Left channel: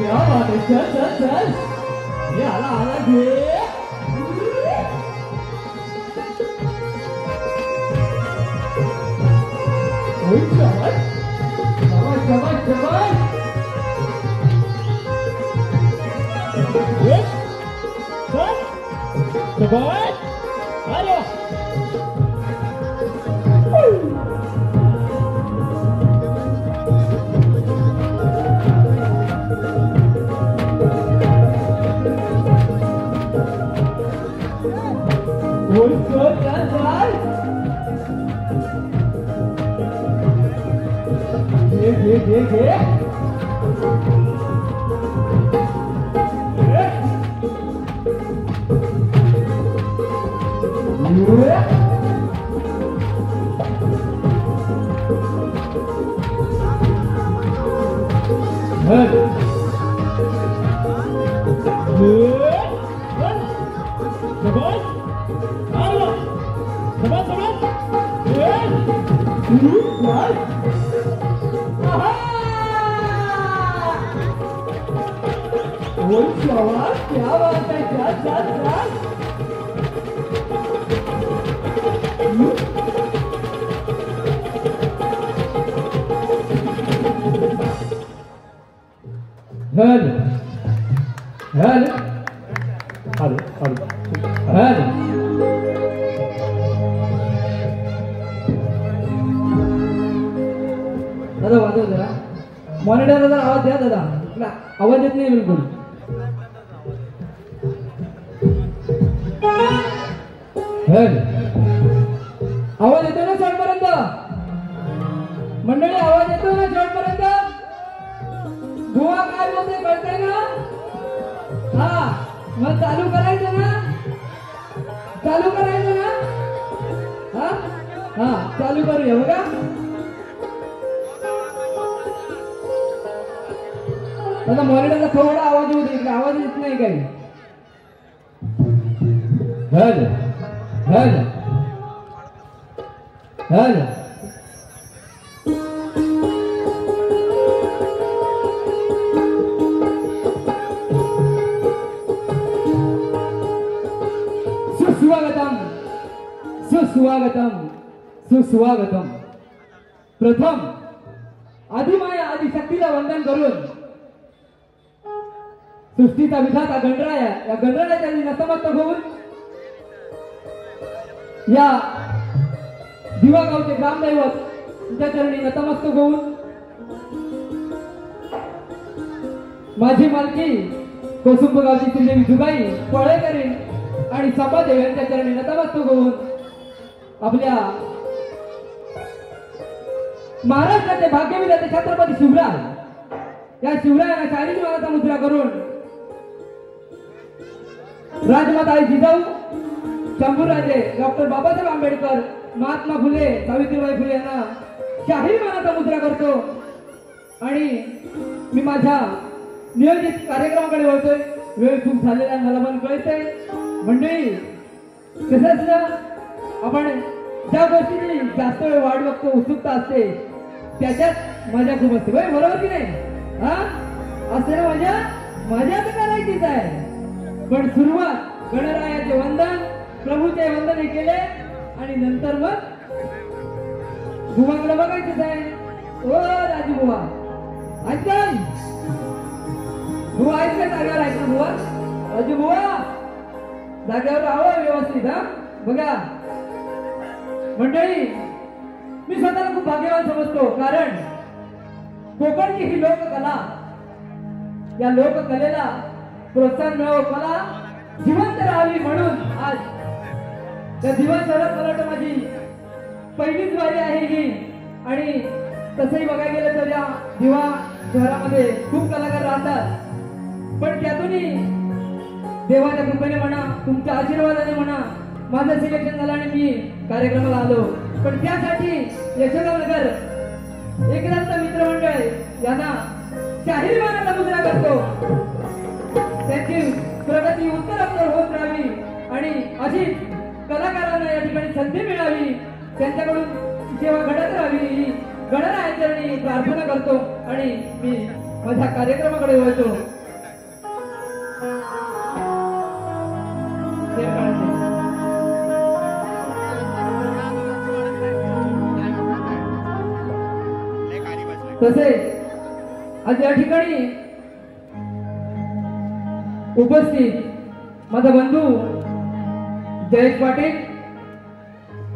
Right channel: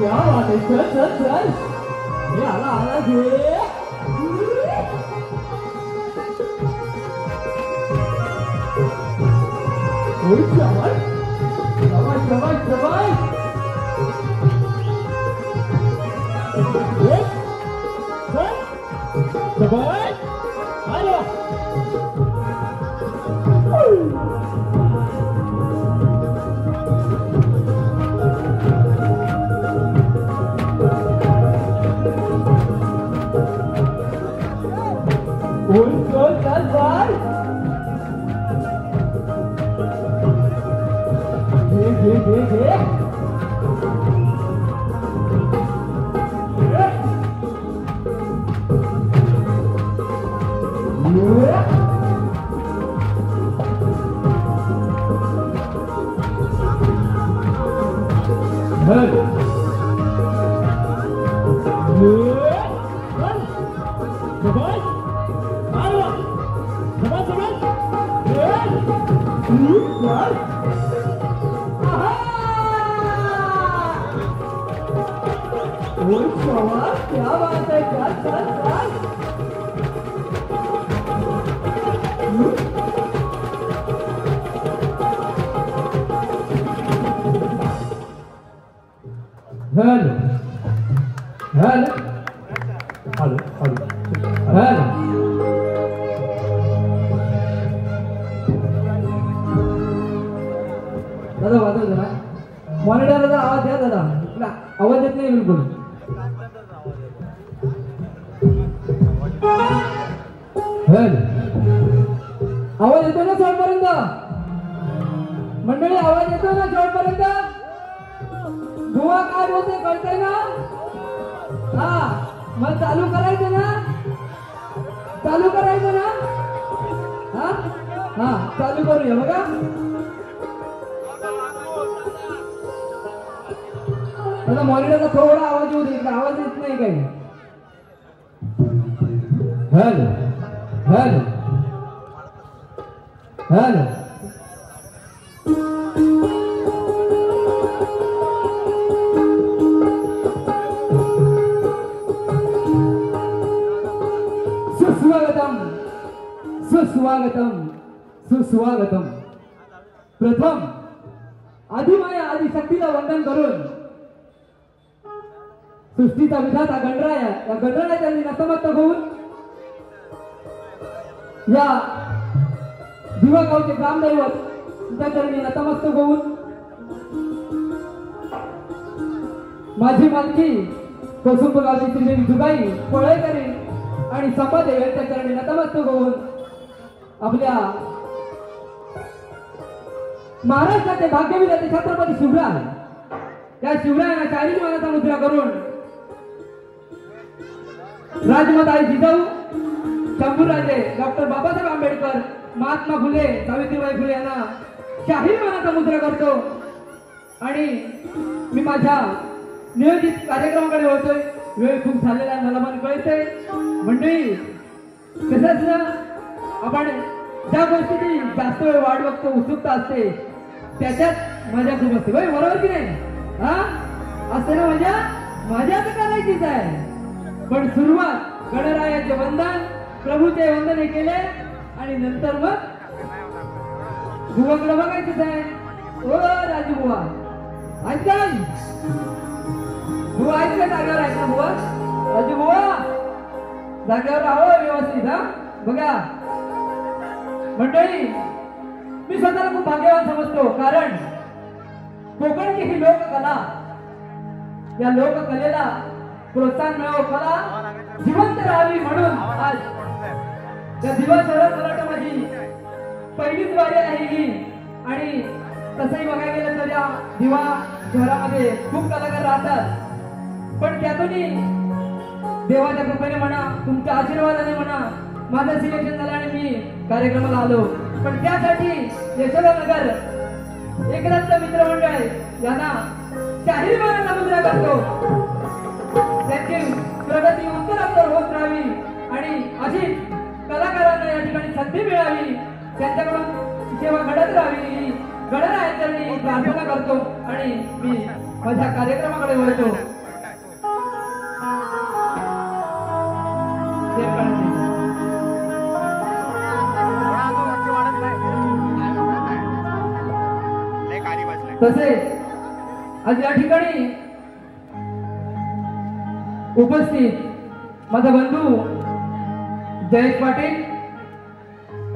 क्या बात है, चल चल चल, ये आला आला घे. ओय शाबाश शाबाश शाबाश शाबाश. एक चल शाबाश. आलो ओय चल चल चल. घे घे घे. क्या बात है, चल चल चल. हल हल हल हल हल. दादा वाजव जरा, मॉनिटरला जरा आवाज द्या दादा, आवाज येत नाही बिलकुल. आवाज येतो ना शेवटपर्यंत मंडळी, आवाज येतो ना शेवटपर्यंत. बुवा काय बोलते कळतंय ना? हा मग चालू करायचं ना, चालू करायचं ना. हा हा चालू करूया बघा. आता मॉनिटरचा थोडा आवाज येऊ दे, आवाज येत नाही काही. Hello hello hello. सुस्वागतम सुस्वागतम सुस्वागतम. प्रथम आदिमाया आदिशक्तीला वंदन करून सृष्टीचा विधाता गणराया, या गणराया त्यांनी नतमस्तक होऊन या दिवा गावचे ग्रामदैवत तुझ्या चरणी नतमस्तक होऊन माझी मालकी कोसुंब गावची श्रीदेवी जुगाई पळेकरी आणि संपादेव यांच्या चरणी नतमस्तक होऊन आपल्या महाराष्ट्राचे भाग्यविधाते छत्रपती शिवराय या शिवरायांना शारीरिक मानाचा मुद्रा करून राजमाता जिजाऊ शंभूराजे डॉक्टर बाबासाहेब आंबेडकर महात्मा फुले सावित्रीबाई फुले यांना शाही मानाचा मुद्रा करतो आणि मी माझ्या नियोजित कार्यक्रमाकडे वळतोय. वेळ खूप झालेला मला पण कळतंय. मंडळी कसं असलं, आपण ज्या गोष्टीची जास्त वेळ वाट बघतो, उत्सुकता असते, त्याच्यात मजा खूप असते. बरोबर की नाही? हा असते ना मजा. मजा तर करायचीच आहे, पण सुरुवात गणरायाचे वंदन, प्रभूचे वंदन हे केले आणि नंतर मग बुवाकडे बघायचंच आहे. ओ राजू बुवा ऐकताय? बुवा ऐकताय? जागेवर ऐका बुवा. राजू बुवा जागेवर राहावं व्यवस्थित. हा बघा मंडळी, मी स्वतःला खूप भाग्यवान समजतो, कारण कोकणची ही लोककला, या लोककलेला प्रोत्साहन मिळावं, कला जिवंत राहावी म्हणून आज त्या दिवा शहरात मला वाटतं माझी पहिलीच वारी आहे ही. आणि तसंही बघायला गेलं तर या दिवा शहरामध्ये खूप कलाकार राहतात, पण त्यातूनही देवाच्या कृपेने म्हणा, तुमच्या आशीर्वादाने म्हणा, माझं सिलेक्शन झालं आणि मी कार्यक्रमाला आलो. पण त्यासाठी यशोदानगर एकनाथ मित्रमंडळ यांना शाहीर मानाचा मुजरा करतो. त्यांची प्रगती उत्तरोत्तर होत राहावी आणि अशी कलाकारांना या ठिकाणी संधी मिळावी, त्यांच्याकडून सेवा घडत राहावी ही गणरायाचरणी प्रार्थना करतो आणि मी माझ्या कार्यक्रमाकडे वळतो. तसे आज या ठिकाणी उपस्थित माझा बंधू जयेश पाटील,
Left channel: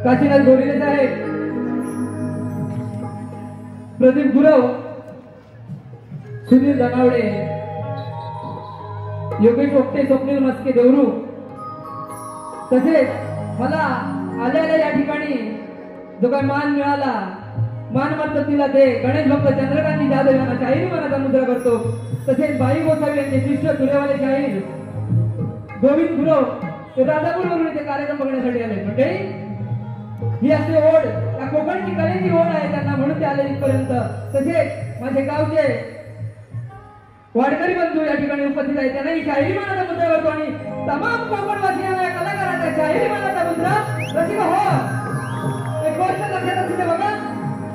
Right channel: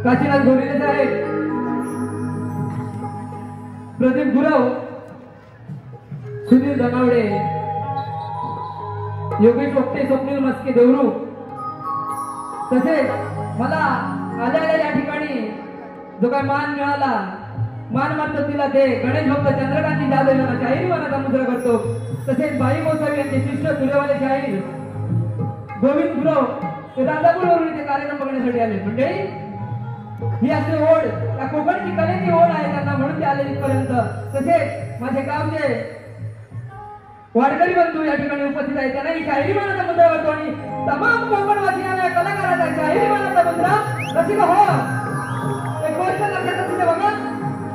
काशीनाथ गोरिले साहेब, प्रदीप गुरव, सुधीर धनावडे, योगेश ओक्टे, स्वप्नील मस्के देवरू, तसेच मला आलेल्या या ठिकाणी जो काही मान मिळाला, मान मात्र तिला ते गणेश भक्त चंद्रकांती जाधव यांना शाहीर मानाचा मुद्रा करतो. तसेच बाई गोसावी यांचे शिष्य तुरेवाले शाहीर गोविंद गुरव ते राजापूरवरून इथे कार्यक्रम बघण्यासाठी आले. म्हणजे ही असे ओढ, या कोकणची कलेची ओढ आहे त्यांना, म्हणून ते आले इथपर्यंत. तसेच माझे गावचे वाडकरी बंधू या ठिकाणी उपस्थित आहेत, त्यांनाही शाहिरी मानाचा मुद्रा करतो आणि तमाम कोकणवासियांना कलाकाराचा शाहिरी मानाचा मुद्रा रसिक हो. एक गोष्ट लक्षात असते बघा,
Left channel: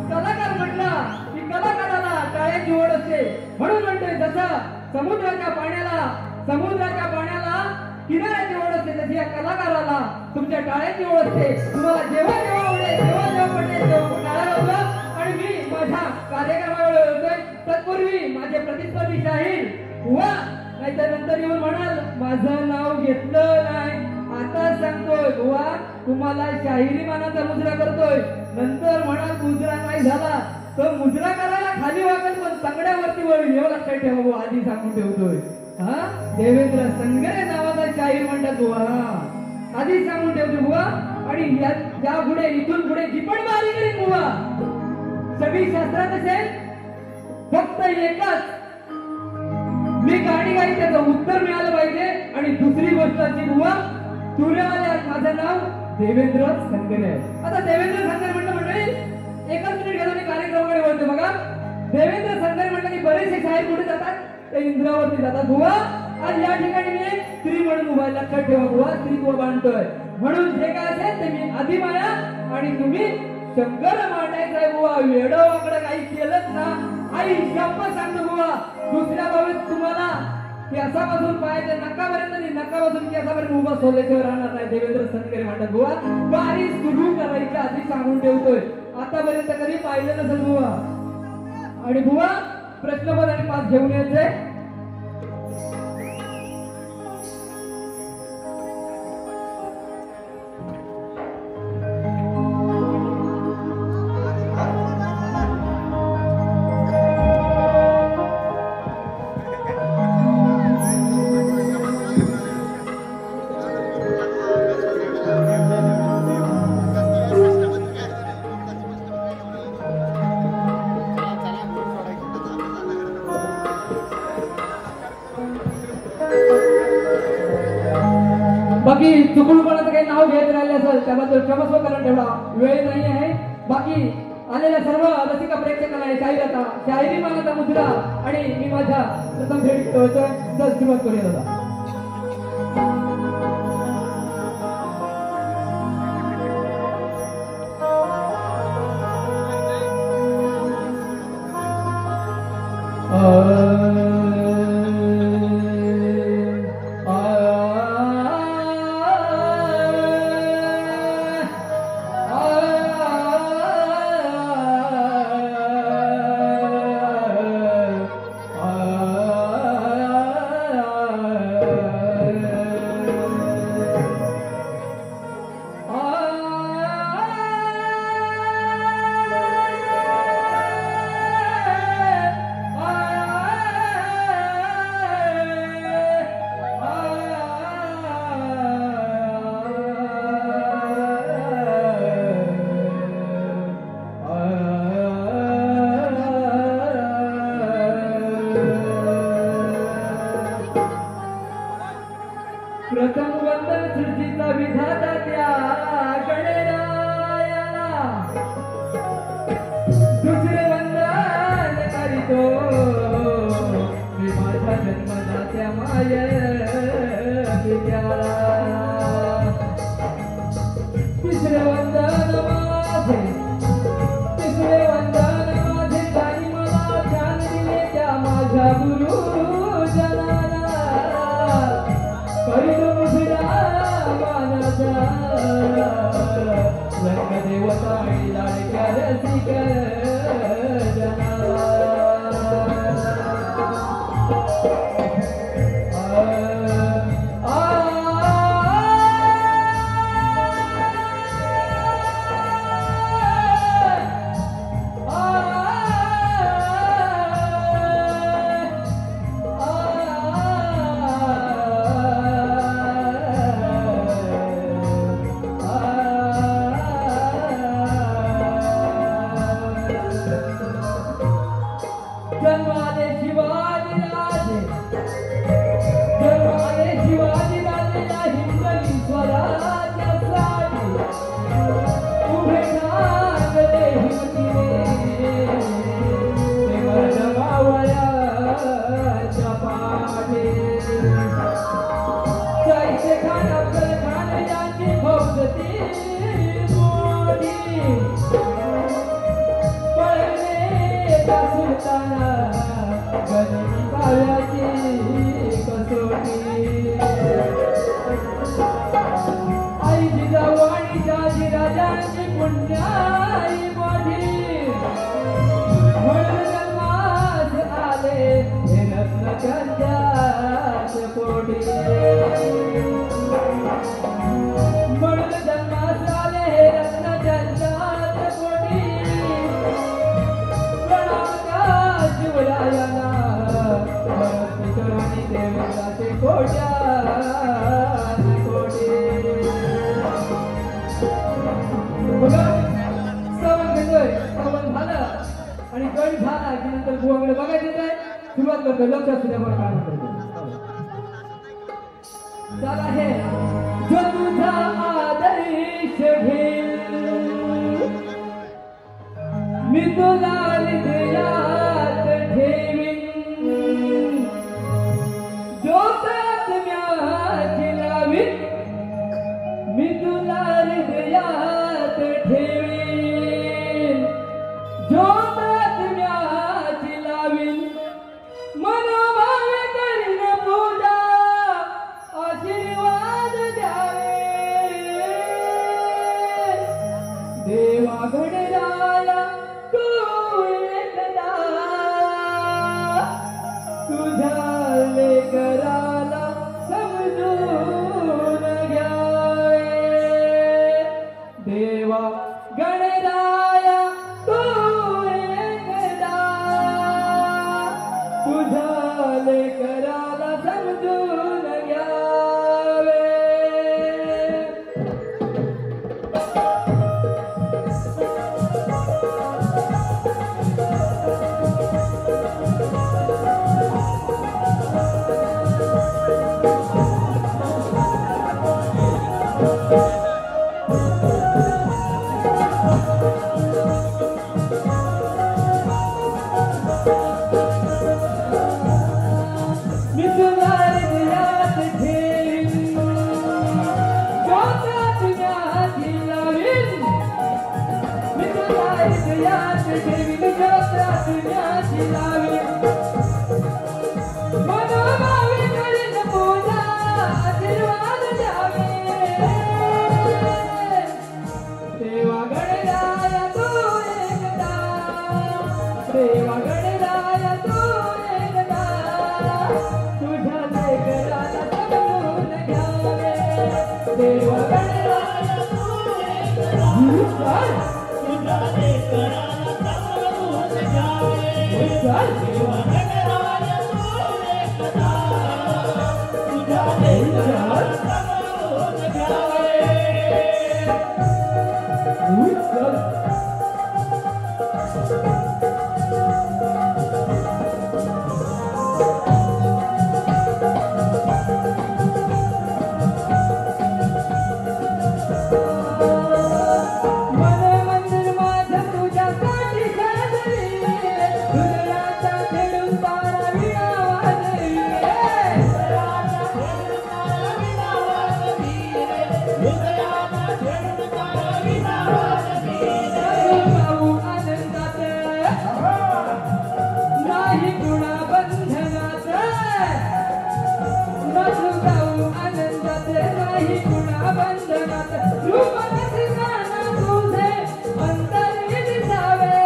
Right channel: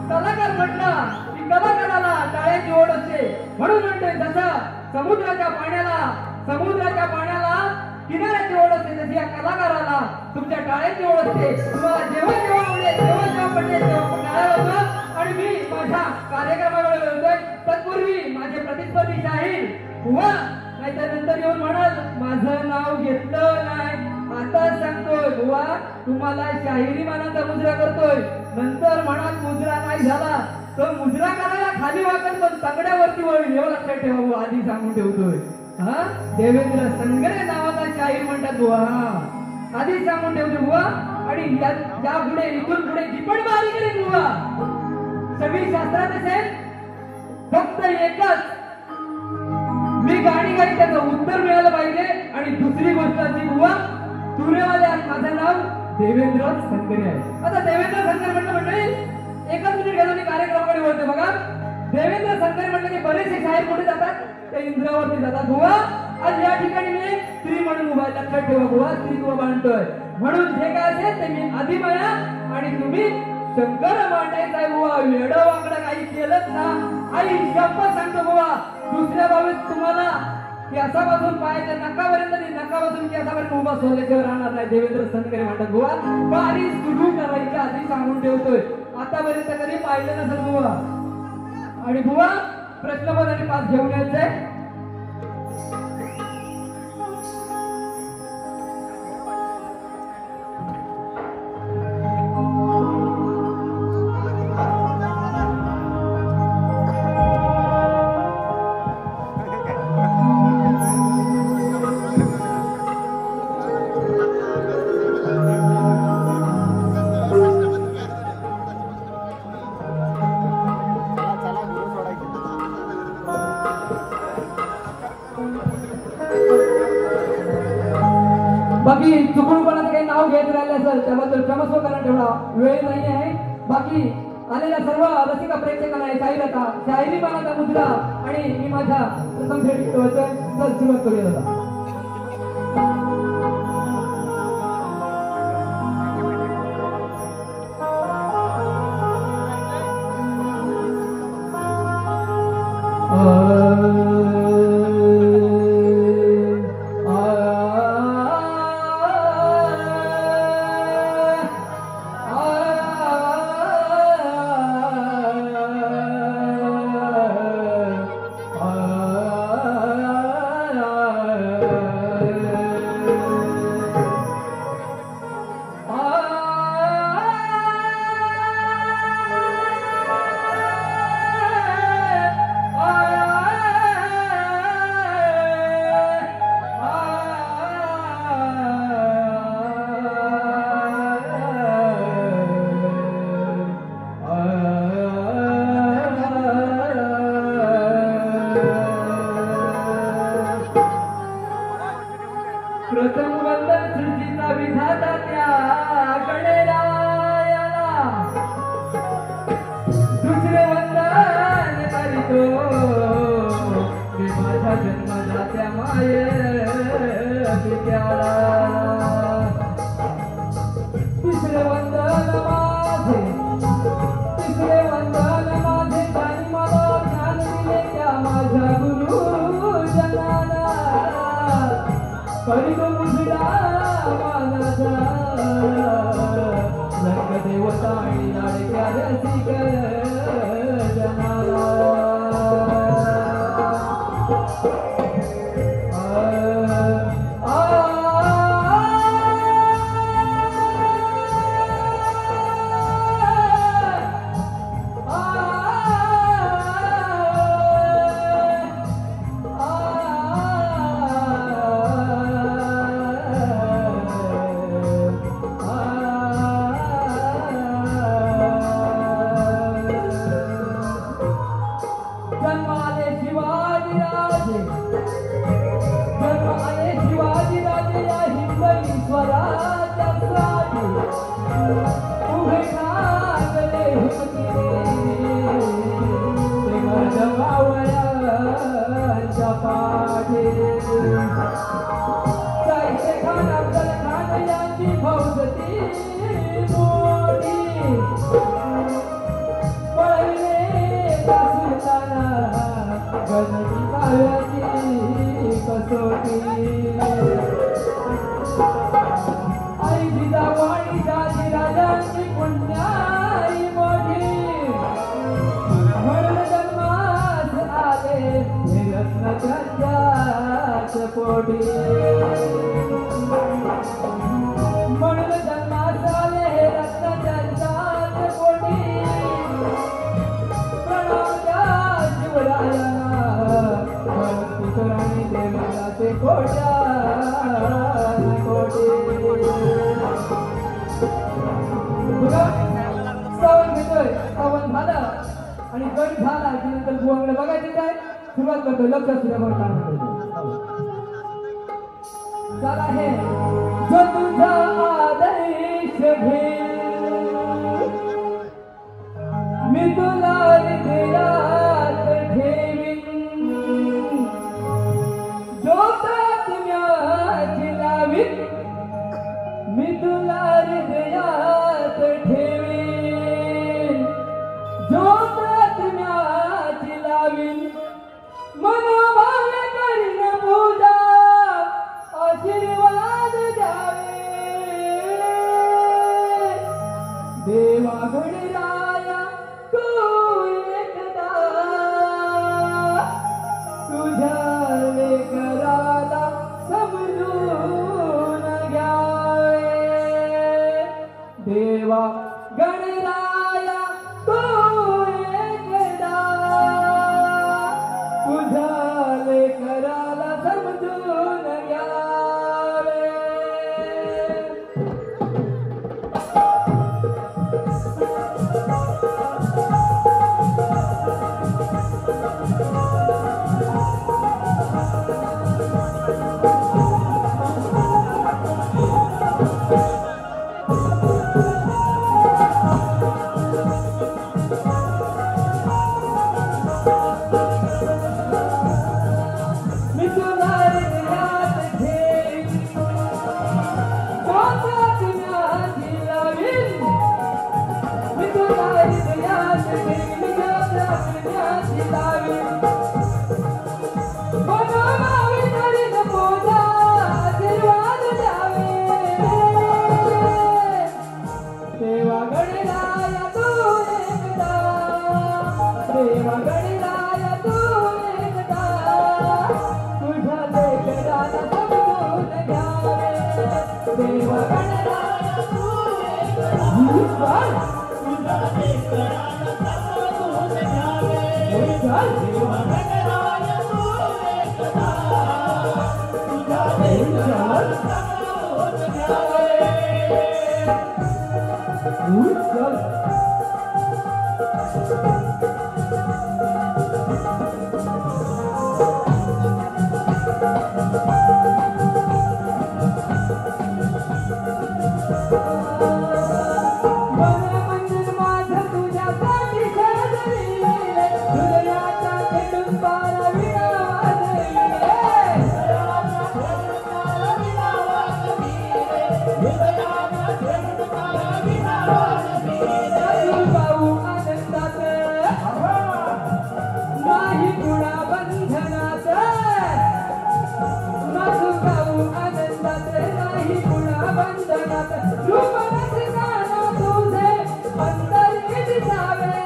कलाकार म्हटलं की कलाकाराला टाळ्याची ओढ असते. म्हणून म्हणतोय जसा समुद्राच्या पाण्याला किनाऱ्याची ओढ असते, तशी या कलाकाराला तुमच्या टाळ्याची ओढ असते. तुम्हाला जेव्हा जेव्हा आवडेल जेव्हा पडले तेव्हा टाळ्या वाजवा. आणि मी माझ्या कार्यक्रमाकडे बोलतोय तत्पूर्वी माझे प्रतिस्पर्धी शाहीर बुवा, नाहीतर नंतर येऊन म्हणाल माझं नाव घेतलं नाही. आता सांगतोय बुवा, तुम्हाला शाहिरी मानाचा मुजरा करतोय, नंतर म्हणाल मुजरा नाही झाला तर मुजरा करायला खाली वागत पण तंगड्यावरती वळील, एवढं लक्षात ठेवा बुवा, आधी सांगून ठेवतोय. हा देवेंद्र संगरे नावाचा शाहीर म्हणतात बुवा, हा आधीच सांगून ठेवतो बुवा. आणि या पुढे इथून पुढे जी पण बारी करीन बुवा, सगळी शास्त्रात असेल, फक्त एकच मी गाणी गाई त्याचं उत्तर मिळालं पाहिजे. आणि दुसरी गोष्ट अशी बुवा, तुरेवाले आज माझं नाव देवेंद्र संगरे आहे. आता देवेंद्र संगरे म्हटलं म्हणजे एकच मिनिट घेतो मी कार्यक्रमाकडे वळते बघा. देवेंद्र संगरे म्हटलं की बरेचसे शाहीर कुठे जातात, ते इंद्रावरती जातात बुवा. आज या ठिकाणी मी स्त्री म्हणून उभा, लक्षात ठेवा बुवा, स्त्रीत्व बांधतोय. म्हणून जे काय असेल ते मी आदिमाया आणि तुम्ही शंकर मांडायचा आहे बुवा. वेड वाकडं काही केलंच ना, आई शपथ सांगतो बुवा, दुसऱ्या बाबतीत तुम्हाला केसापासून पायाच्या नकापर्यंत आणि नकापासून केसापर्यंत उभा सोडल्याशिवाय राहणार नाही. देवेंद्र संगरे म्हणतात बुवा, बारी सुरू करायची आधी सांगून ठेवतोय. आतापर्यंत कधी पाहिलं नसेल बुवा. आणि बुवा प्रश्नपद आणि पाच घेऊन यायचंय. बाकी चुकून कोणाचं काही नाव घ्यायचं राहिलं असेल त्याबद्दल क्षमस्व करून ठेवला, वेळ नाही आहे. बाकी आलेल्या सर्व रसिका प्रेक्षकांना शाहिराचा शाहिरी मानाचा मुद्रा आणि मी माझ्या प्रथम भेट सुरुवात करूया दादा. प्रथम वंदन सृष्टीचा विधाता त्या गणरायाला, दुसरे वंदन करीतो माझ्या गुरु जनाला करीन मुठीला मानाचा रंग देवता आणि लाडक्या रसिक जनाला जन्माले शिवाजी राजे या हिंदवी स्वराज्यासाठी उभे ठाकले हिमतीने ते गडवावयाच्या पाठे साहित्य खान अफजल खान यांची भक्ती मोठी सुलताना गणिती काव्याची कसोटी आई जिजाऊ आणि शहाजीराजांची पुण्याई मोठी म्हणून जन्मास आले हे रत्न त्यांच्याच पोटी म्हणून जन्मास आले हे रत्न त्यांच्याच पोटी शिवरायाला भक्ती करणी देवताचे कोट्या कोटे बघा श्रावण घेतोय श्रावण झालं आणि गण झाला की नंतर बुवाकडे बघायचे काय सुरुवात करतो लक्ष सूर्यावर काढून चला हे जो तुझा आदर्श घेईल मी तुला हृदयात ठेवीन ज्योतात म्याची लावीन मी तुला हृदयात ठेवीन ज्योतात म्याची लावीन मनोभावे करीन पूजा आशीर्वाद द्यावे देवा गणराया तू एकदा तुझ्या लेकराला समजून घ्यावे देवा गणराया तू एकदा तुझ्या लेकराला समजून घ्यावे देवा गणराया तू एकदा तुझ्या लेकराला समजून घ्यावे देवा गणराया तू एकदा तुझ्या लेकराला समजून घ्यावे देवा गणराया तू एकदा तुझ्या लेकराला समजून घ्यावे तुझ्यासाठी हृदयाचा खेळून तारा विना नाही गुणा बंधनात नाचून गाऊ आनंदात नाही गुणा बंधनात रूप रसिकाना तुझे अंतरी दिसावे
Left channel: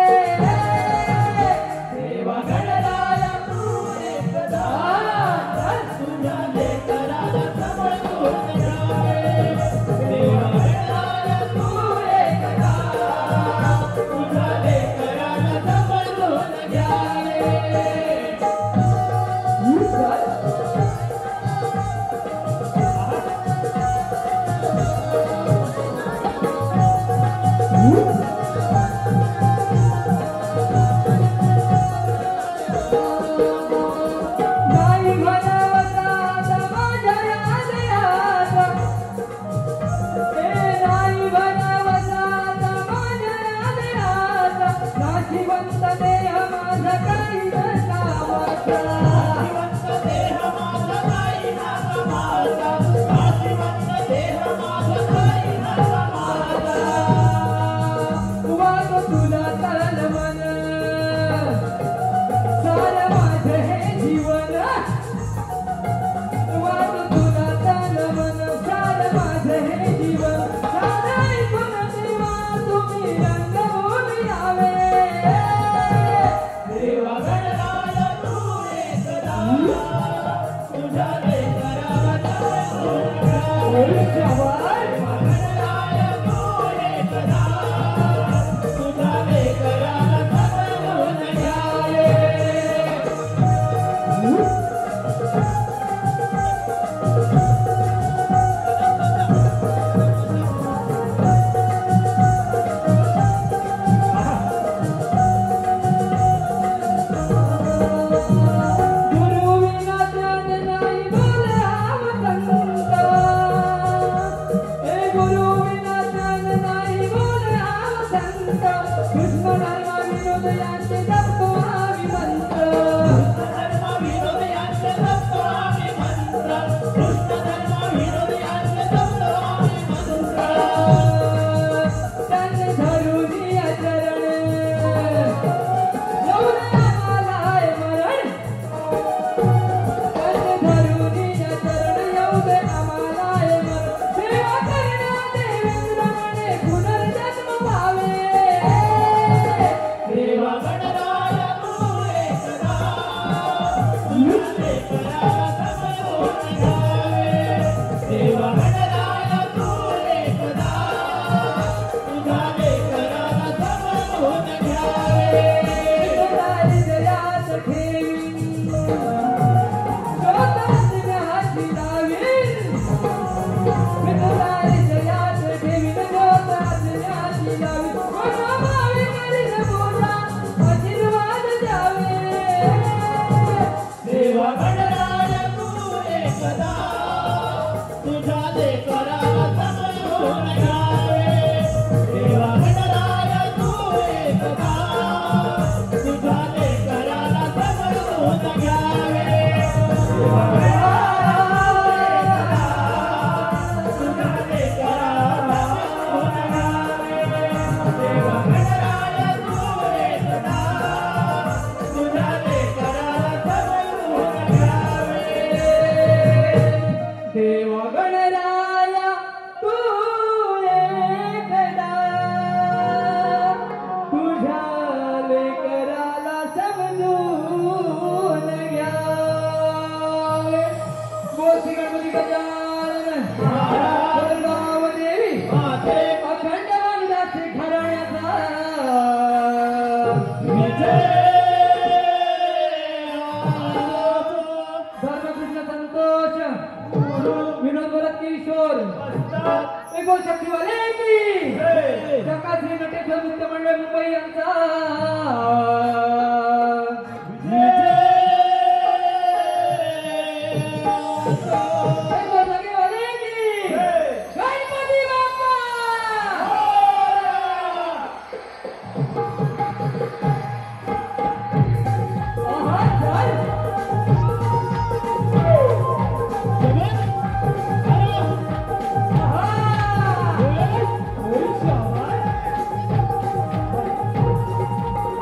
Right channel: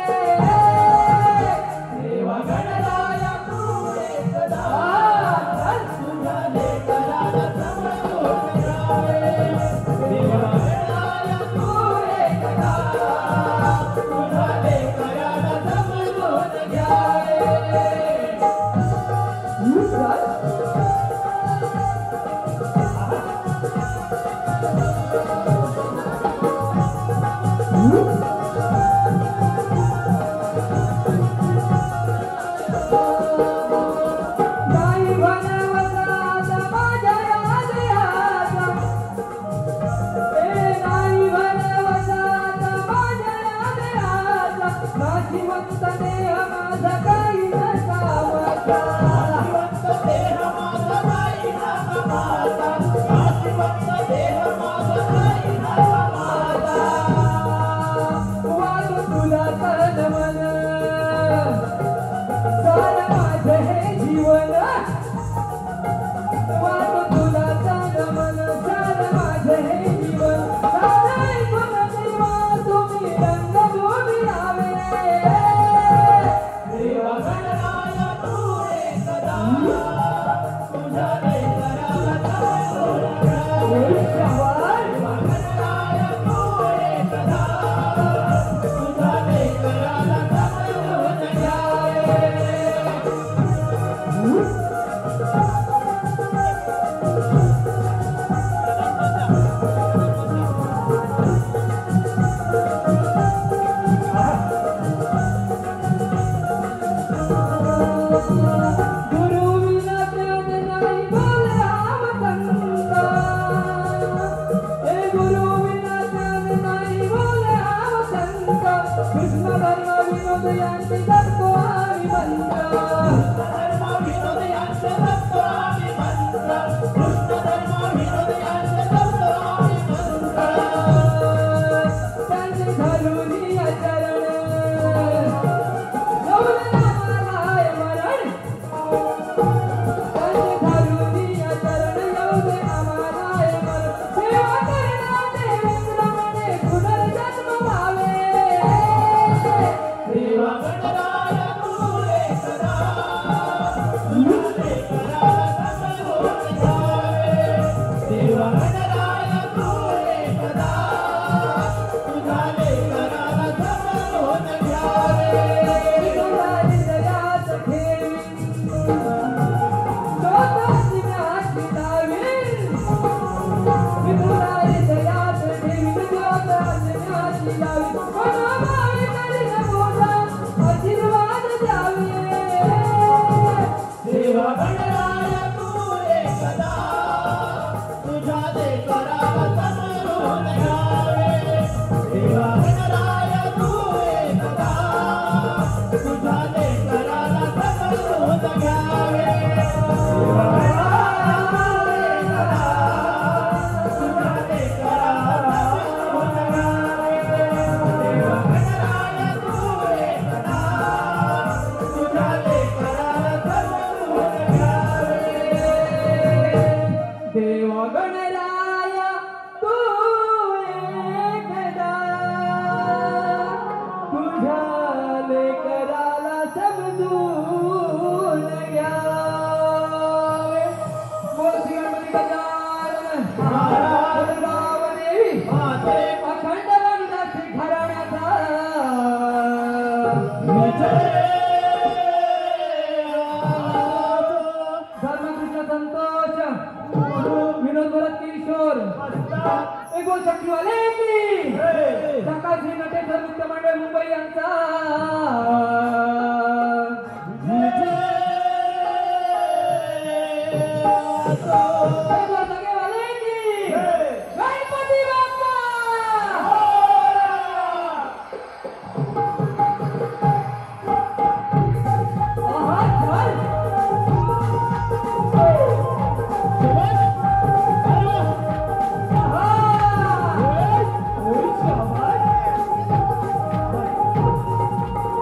देवा गणराया तू एकदा तुझ्या लेकराला सांभाळून घ्यावे देवा गणराया तू एकदा तुझ्या लेकराला सांभाळून घ्यावे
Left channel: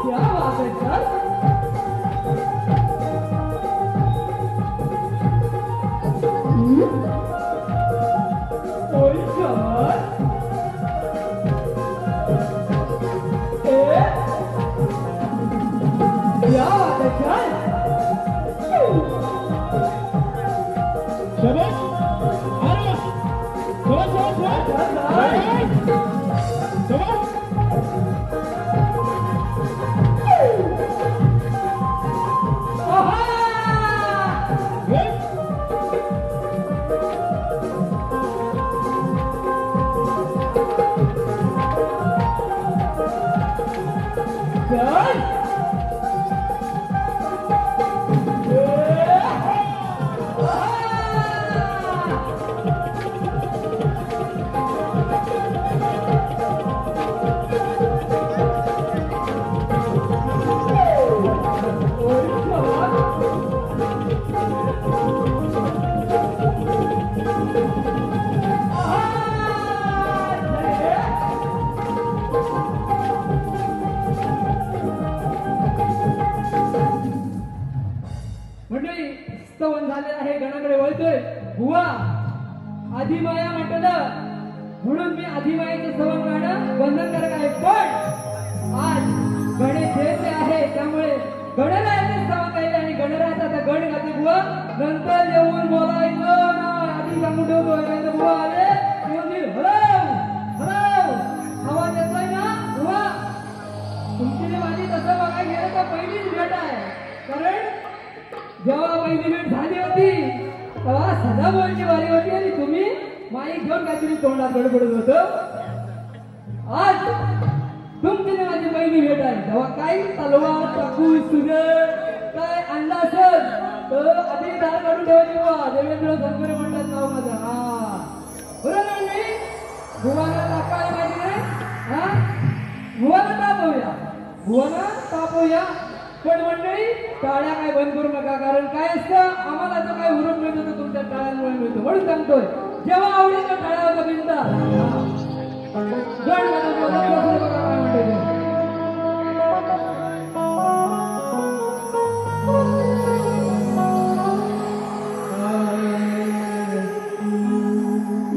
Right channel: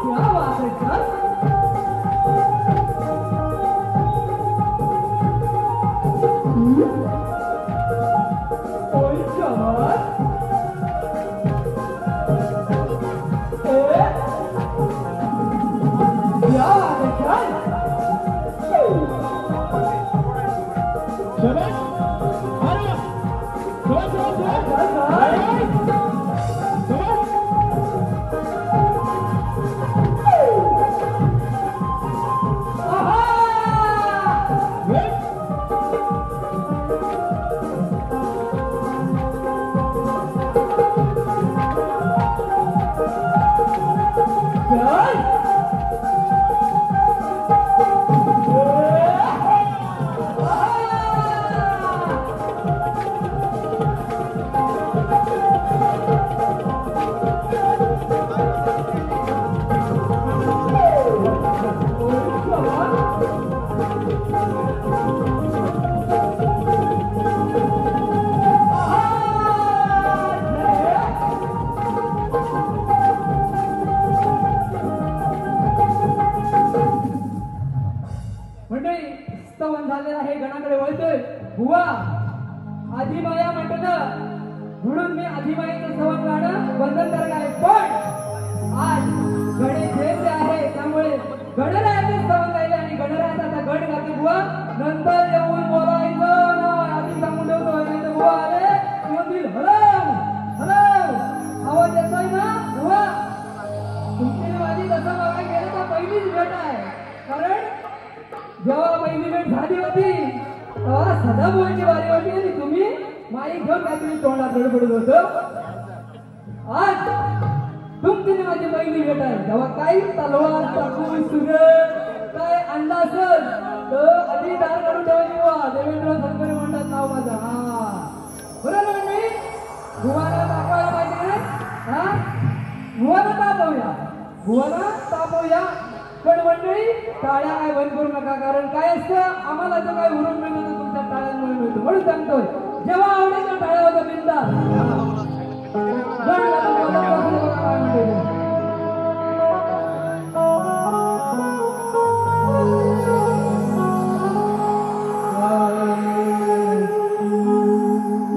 क्या मंडळी स्तवन झाले आहे, गणाकडे वळतोय. बुवा आदिमाया म्हटलं म्हणून मी आदिमायेचं स्तवन गाणं बंधनकारक आहे, पण आज गणेश जयंती आहे त्यामुळे गणरायाचं स्तवन गायले आणि गणरायाचा आता गण गाते. बुवा नंतर येऊन बोलायचं ना, आधी सांगून ठेवतो. बुवा आले येऊन हरव हरव आवाज येतोय ना. बुवा तुमची माझी तसं बघायला गेलं तर पहिलीच भेट आहे, कारण जेव्हा पहिली भेट झाली होती तेव्हा सदाभाऊंची वारी होती आणि तुम्ही माईक घेऊन काहीतरी तोंडात बडबडत होतो. आज तुमची माझी पहिली भेट आहे, तेव्हा काही तलवार चाकू सुगड काय आणला असेल तर आधी धार करून ठेवायची. बुवा देवेंद्र सदगुरू म्हणतात नाव माझं. हा बरोबर नाही, भुवाला तापायला पाहिजे. हा भुवाला तापवूया, भुवाला तापवूया. पण मंडळी टाळ्या काय बंद करू नका, कारण काय असतं आम्हाला जो काय हुरूप मिळतो तो तुमच्या टाळ्यांमुळे मिळतो. म्हणून सांगतोय जेव्हा आवडेल तो टाळ्या होता बिंदा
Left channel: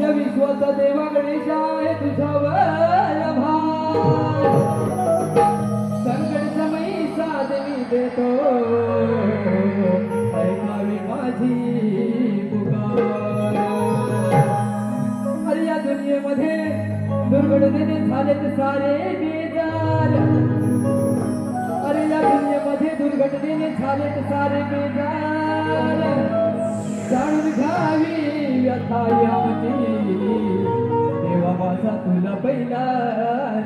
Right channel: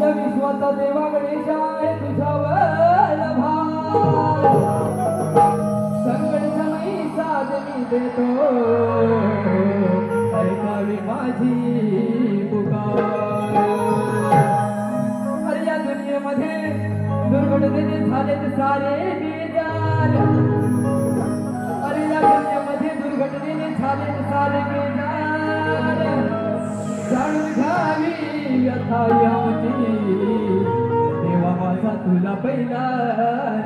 या विश्वाचा देवा गणेशा आहे तुझ्यावर भार, संकट समय साथ मी देतो, ऐकावी माझी पुकार. अरे या दुनियेमध्ये दुर्घटनेने झालेत सारे बेजार, अरे या दुनियेमध्ये दुर्घटनेने झालेत सारे बेजार, जाणून घ्यावी व्यथा याची, देवा माझा तुला पहिला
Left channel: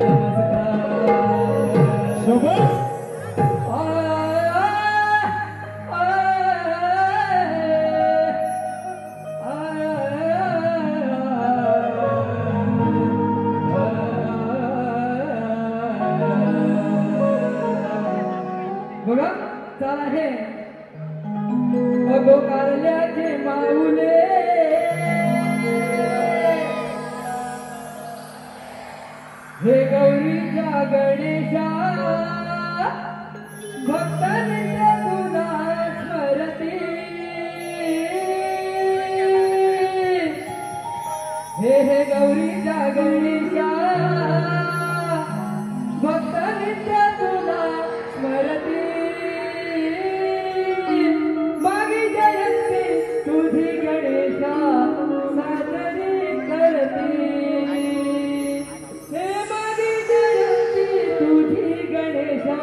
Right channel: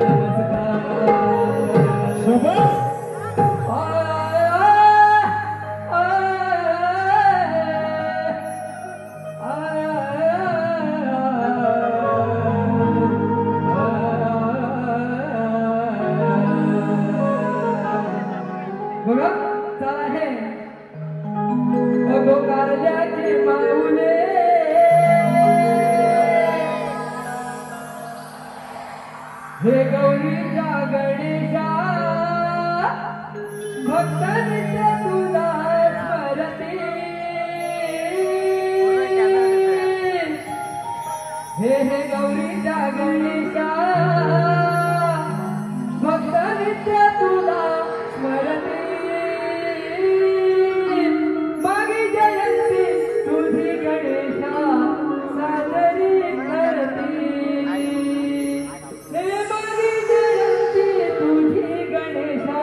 नमस्कार. बघा चला हे अगो कारल्याचे माऊले, हे गौरीच्या गणेशा भक्तांनी तुला स्मरती, हे गौरीच्या गणेशा भक्तांनी तुला स्मरती, मागे जयंती तुझी गणेशा साजरी करती, हे मागे जयंती तुझी गणेशा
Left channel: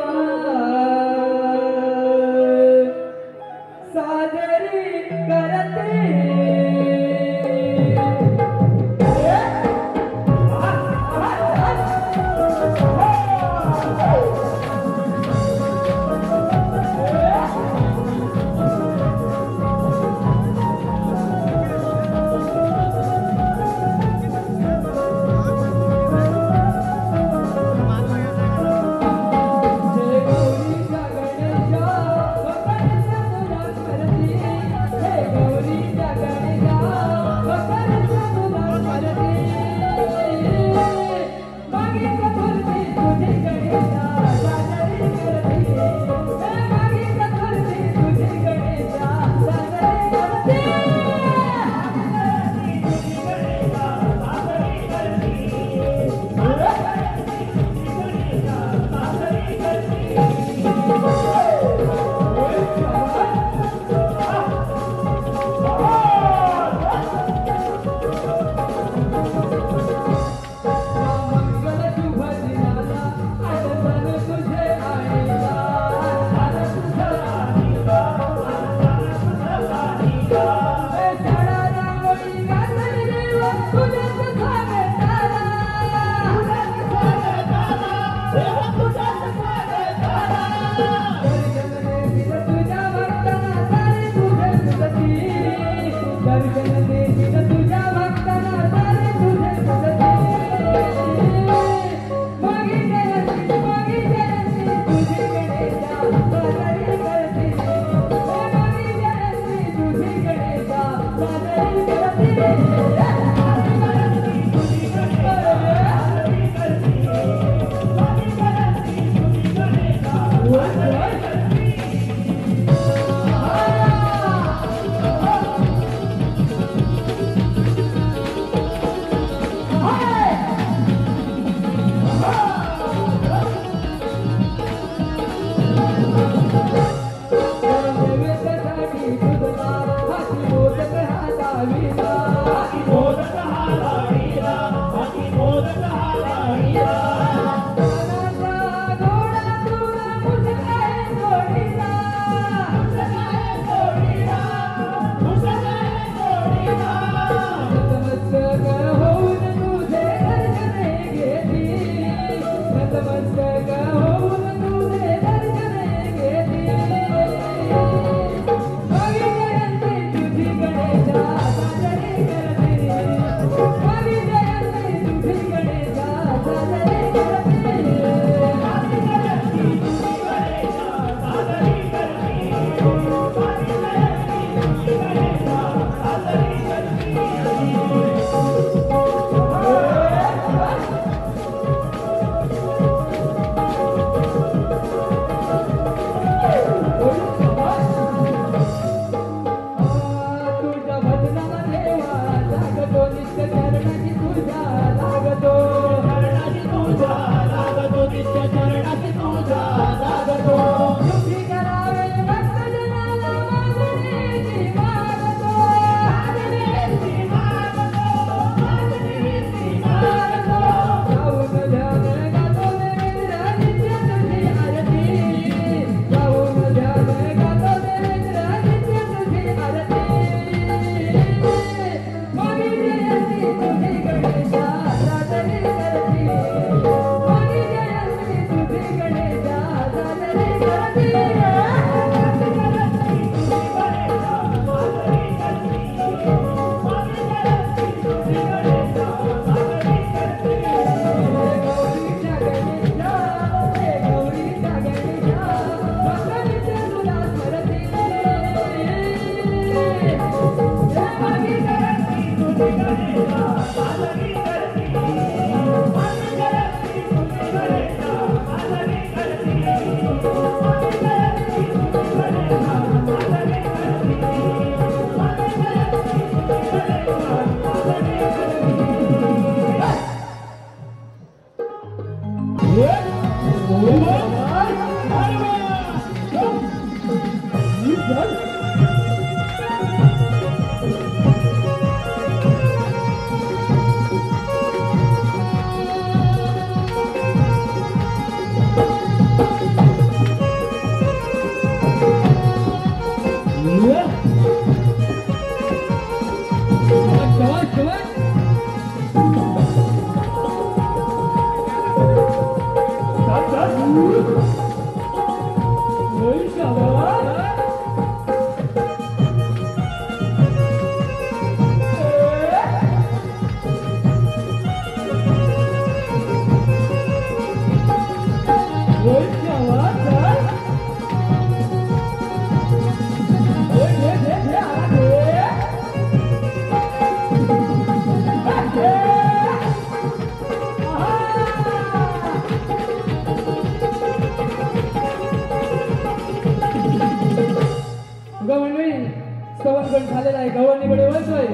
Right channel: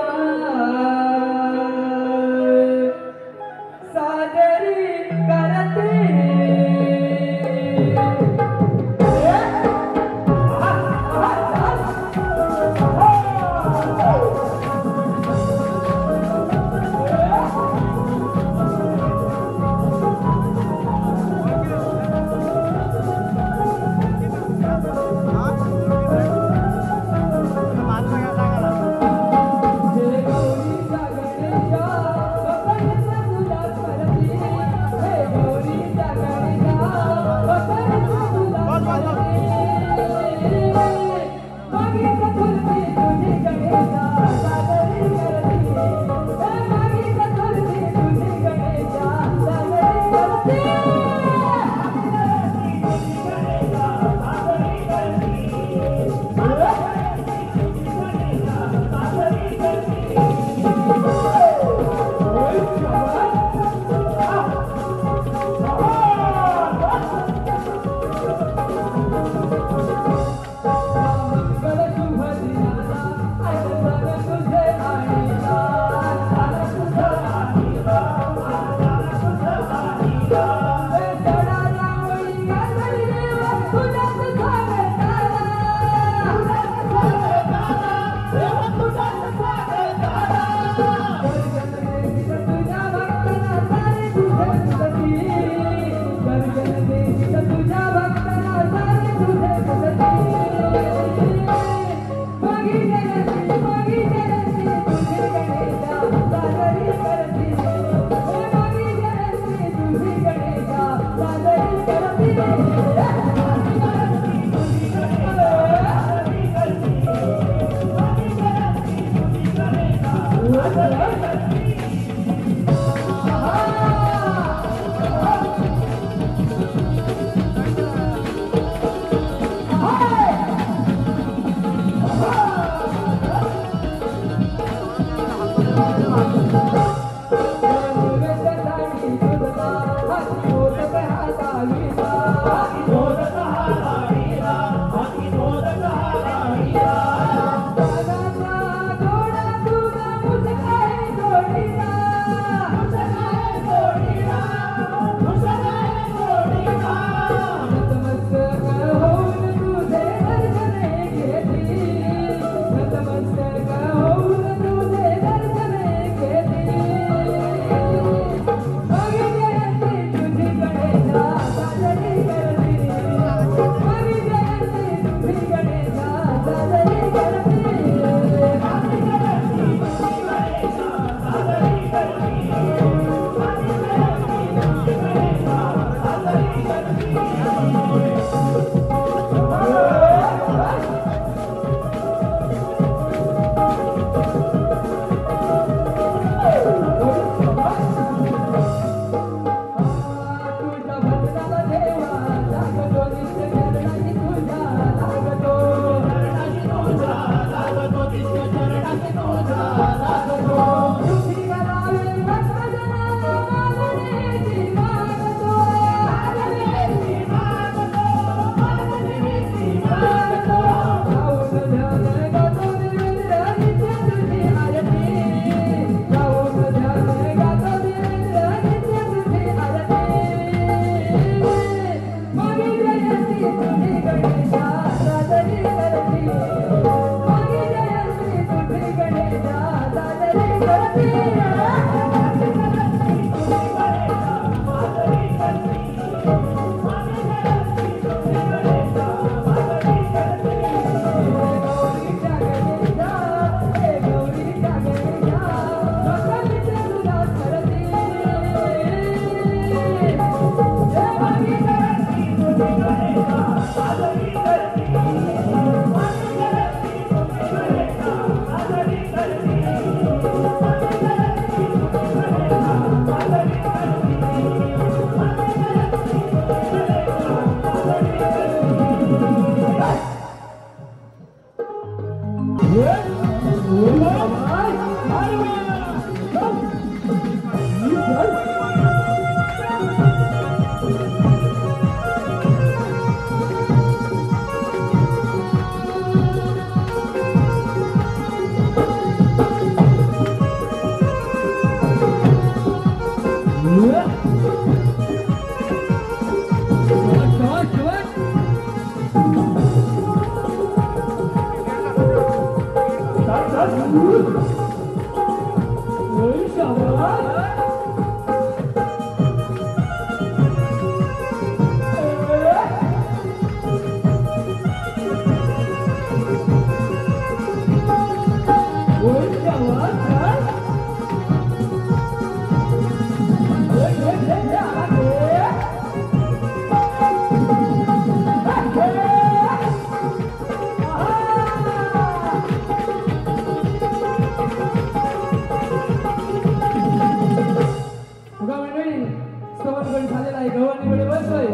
स्तवनगड झालेला आहे. गवळणीकडे वळतोय.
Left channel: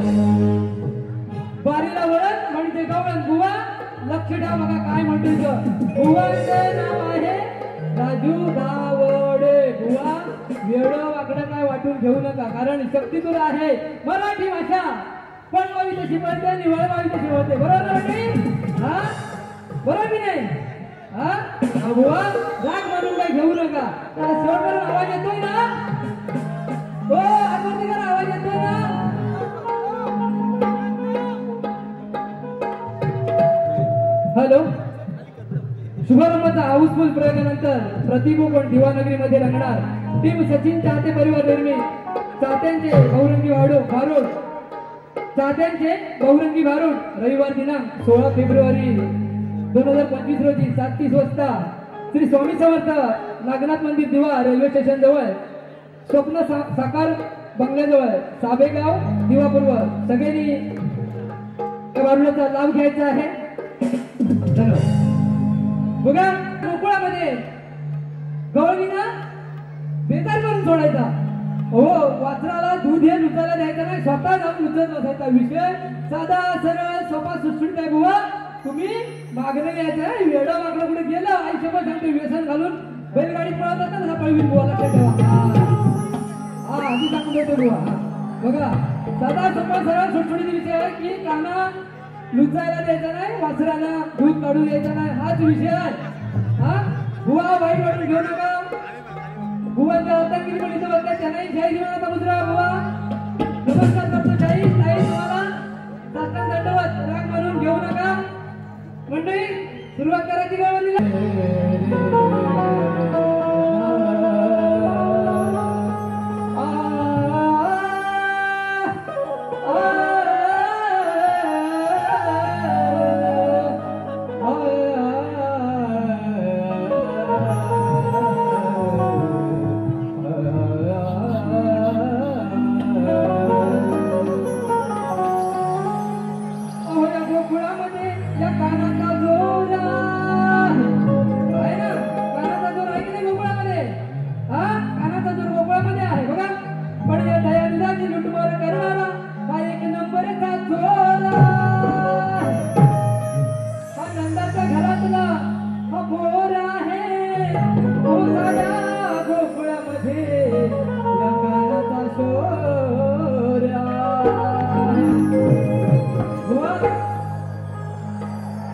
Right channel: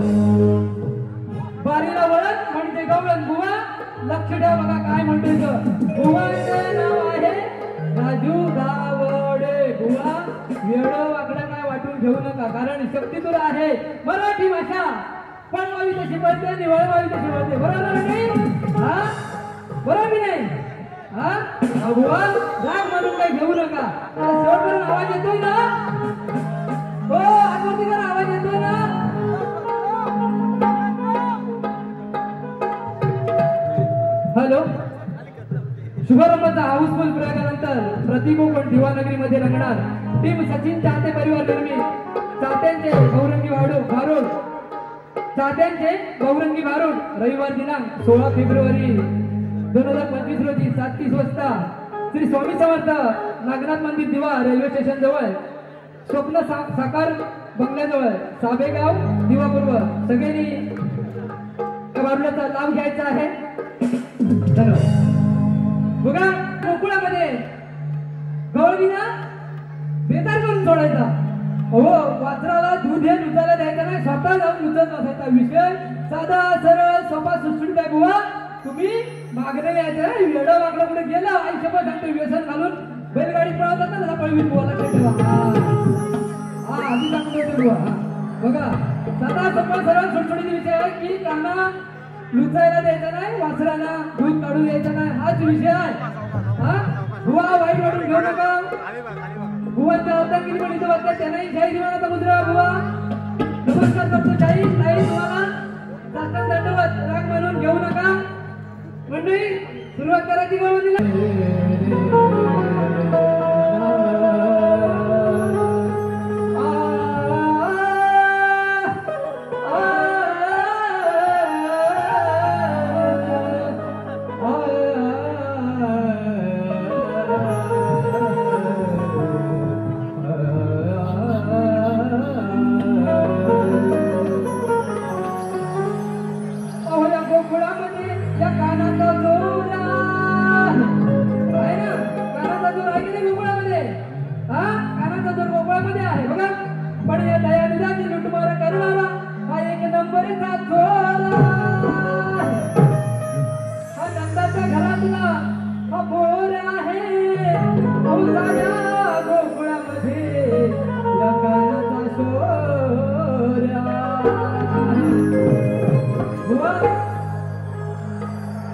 बारीला वळत म्हणते गवळण बुवा. लक्ष ठेवा बघा काय म्हणतोय बुवाचं नाव आहे राजू दावडे. बुवा वेळ वाकडं काय वाटून घेऊ नका, कारण शक्ती तुला आहे. मराठी भाषा पण वावी तशी बोलते आणि वळवावी तशी बोलते. बरोबर नाही? हा बरोबर की नाही? हा बुवा राग म्हणून काही घेऊ नका. शेवटपर्यंत आवाज येतोय ना? हो आतमध्ये करा, आवाज येतोय ना? हॅलो. शुभारंभाचा हाऊसफुल प्रयोगानंतर प्रतिकोपण दिवानगरीमध्ये रंगणार. टीम सचिन चाहते परिवार निर्मित चाहत्यांचे गौरंगी भारूड चाहत्यांचे गौरंगी भारूड रविवार दिनांक 16 फेब्रुवारी 2025 रोजी 7:30 वाजता श्री स्वामी समर्थ नागनाथ मंदिर दिवा रेल्वे स्टेशन जवळ स्वप्न साकार बंगल्याजवळ साबेगाव दिवापूर्व. सगळ्यांनी भारूडाचा लाभ घ्यायचा आहे. धन्यवाद. बघा गोकुळामध्ये गवळणीला बेकार करून सोडायचा. हो वासराला दूध हे लुचायला द्यायचं नाही, स्वतः जाऊन लुचत बसायचा. विषय साधा सरळ सोपा सुटसुटीत आहे. बुवा तुम्ही मागणे यायचं वेडा वाकडं कुठे गेलं आयुष्यभर सांगतो व्यसन घालून बैलगाडी पळवतात ना तसा पळवीत. बुवा लक्षात ठेवा. हा आधी सांगत होते बुवा. बघा साधा सोपा सरळ सुटसुटीचा विषय आहे की काना लुचायला द्यायचं नाही, वासराला दूध काढून द्यायचं नाही, हाच विषय आहे. हा बुवा वाईट वाटून घेऊ नका. बुवांच्या अवतारगिरी पण इथं बघताय त्यांनाही जय जीवनाचा मुद्रा. बुवा नमस्कार करतो. जय ताई तुम्हाला साष्टांग दंडवत. राग मानून घेऊ नका. मंडळी सुरुवात करायची गवळणीला.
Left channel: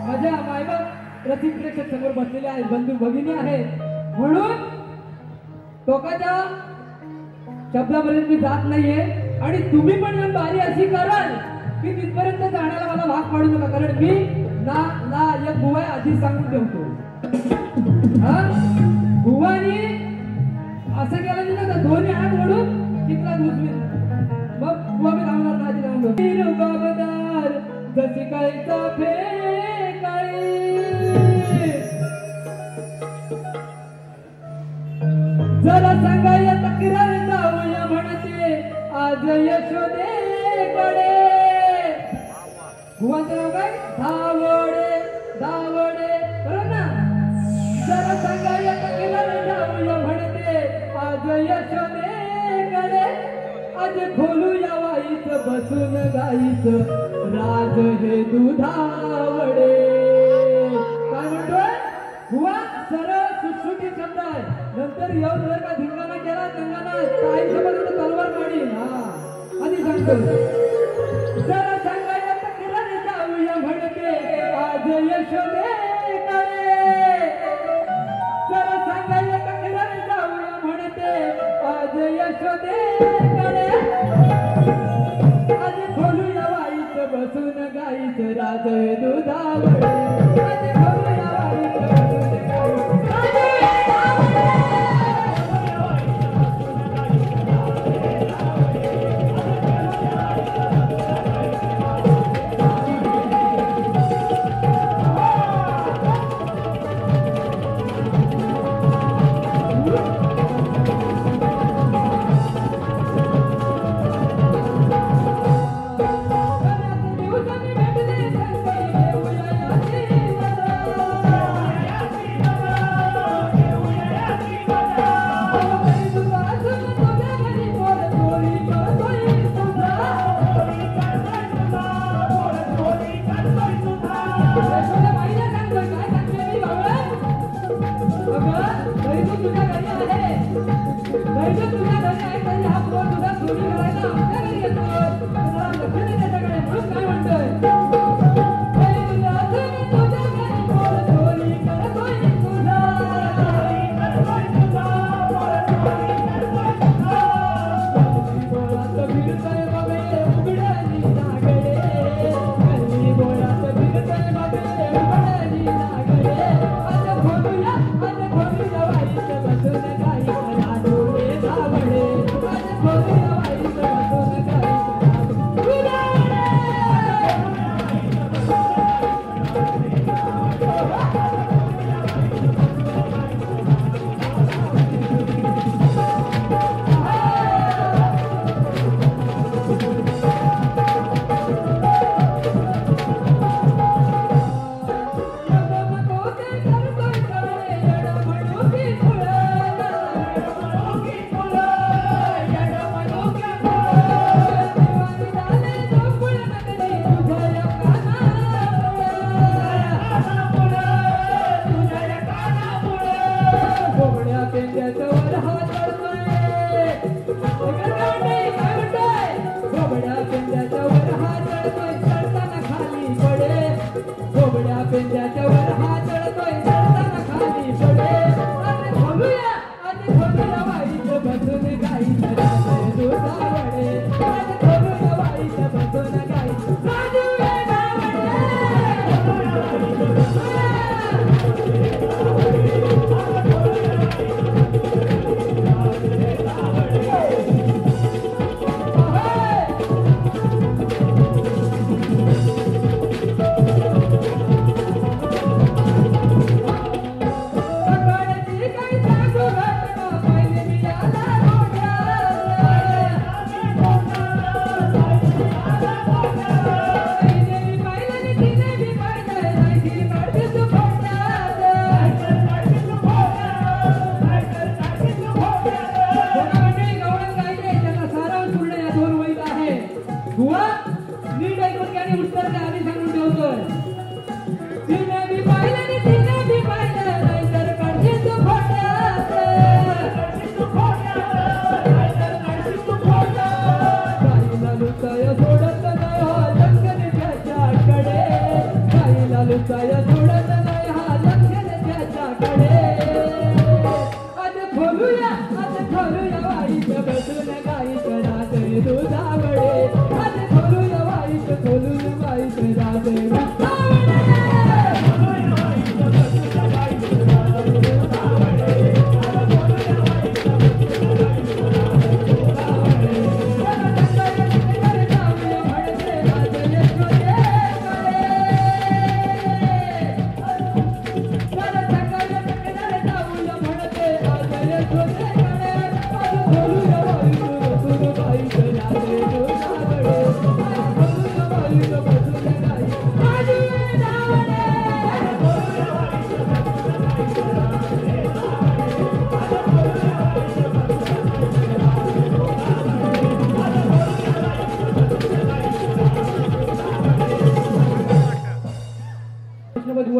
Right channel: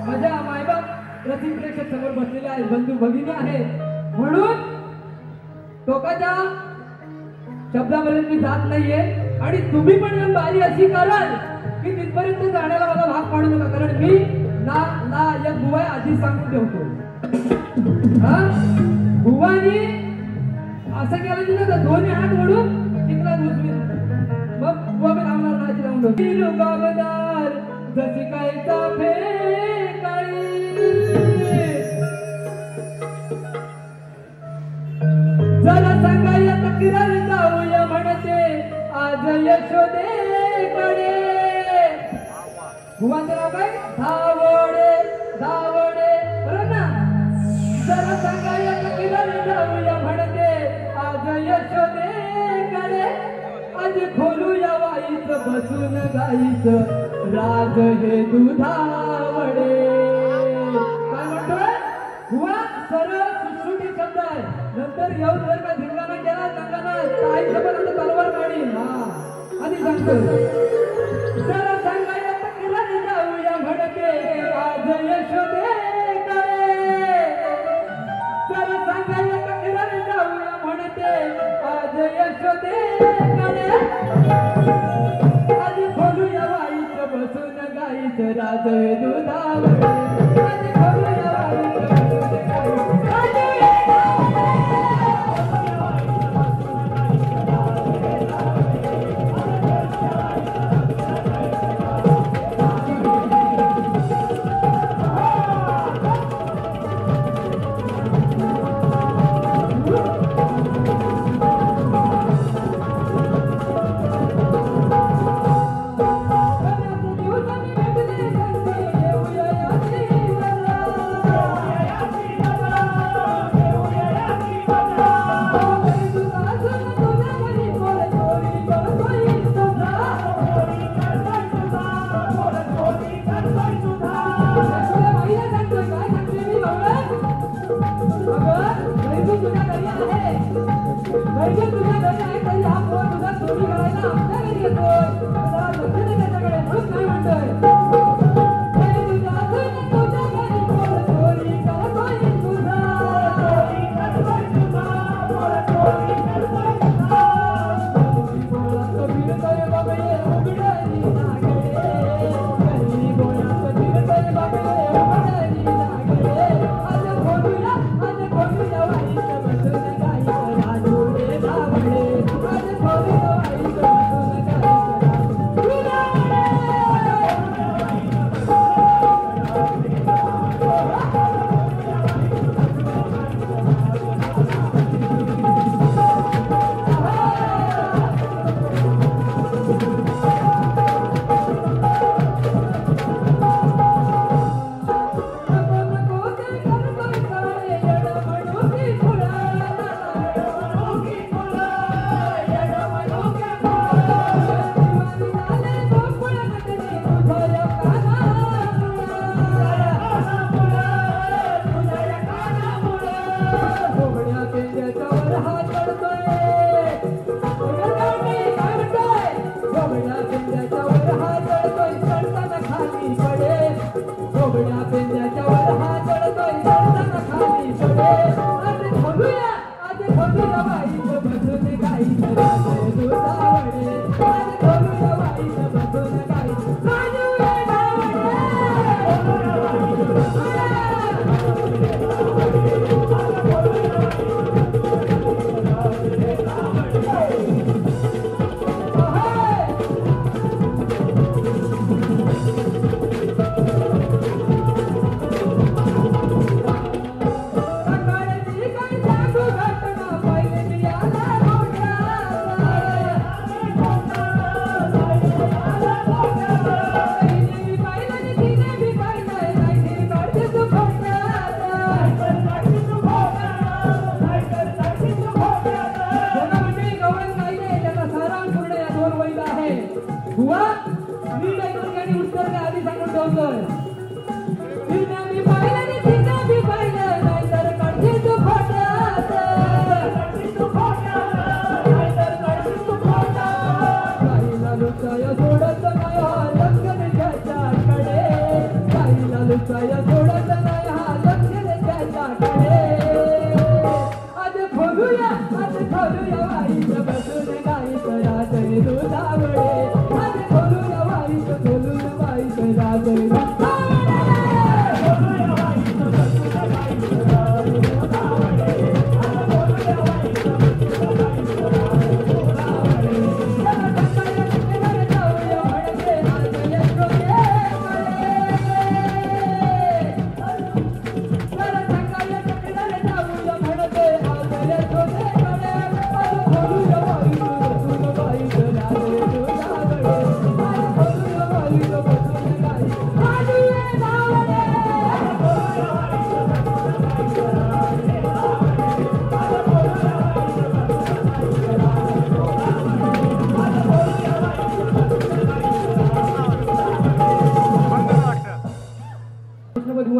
माझ्या मायबाप रसिक प्रेक्षक समोर बसलेले आहेत, बंधू भगिनी आहेत, म्हणून टोकाच्या शब्दामध्ये मी जात नाहीये. आणि तुम्ही पण येऊन बारी अशी कराल की तिथपर्यंत जाण्याला मला भाग पाडू नका, कारण मी ना या बुवा आधीच सांगून ठेवतो. हा बुवानी असं केलं तिथं तर दोन्ही हात ओढून तिथला दुसरी मग बुवा मी लावणार नाची लावून गावदार जशी कायचा फेकाळी जरा सांगाया तक्रार जाऊया म्हणते आज यशोदेकडे. बुवांचं नाव काय? धावडे धावडे बरोबर ना. जरा सांगाया तक्रार जाऊया म्हणते आज यशोदेकडे. आज खोलूया वाईच बसून गाईचं राज हे दुधावडे. काय म्हणतोय बुवा? सरळ सुटसुटी शब्द आहे. नंतर येऊन जर का धिंगाणा केला गंगाना आईसोबत मी सांगतो जरा सांगायला तक्रार जाऊया म्हणते आज यशोदेकडे जरा सांगायला तक्रार जाऊया म्हणते आज यशोदेकडे आज खोलूया वाईच बसून गाईचं राज दुधावर आज खोलूया वाईच बसून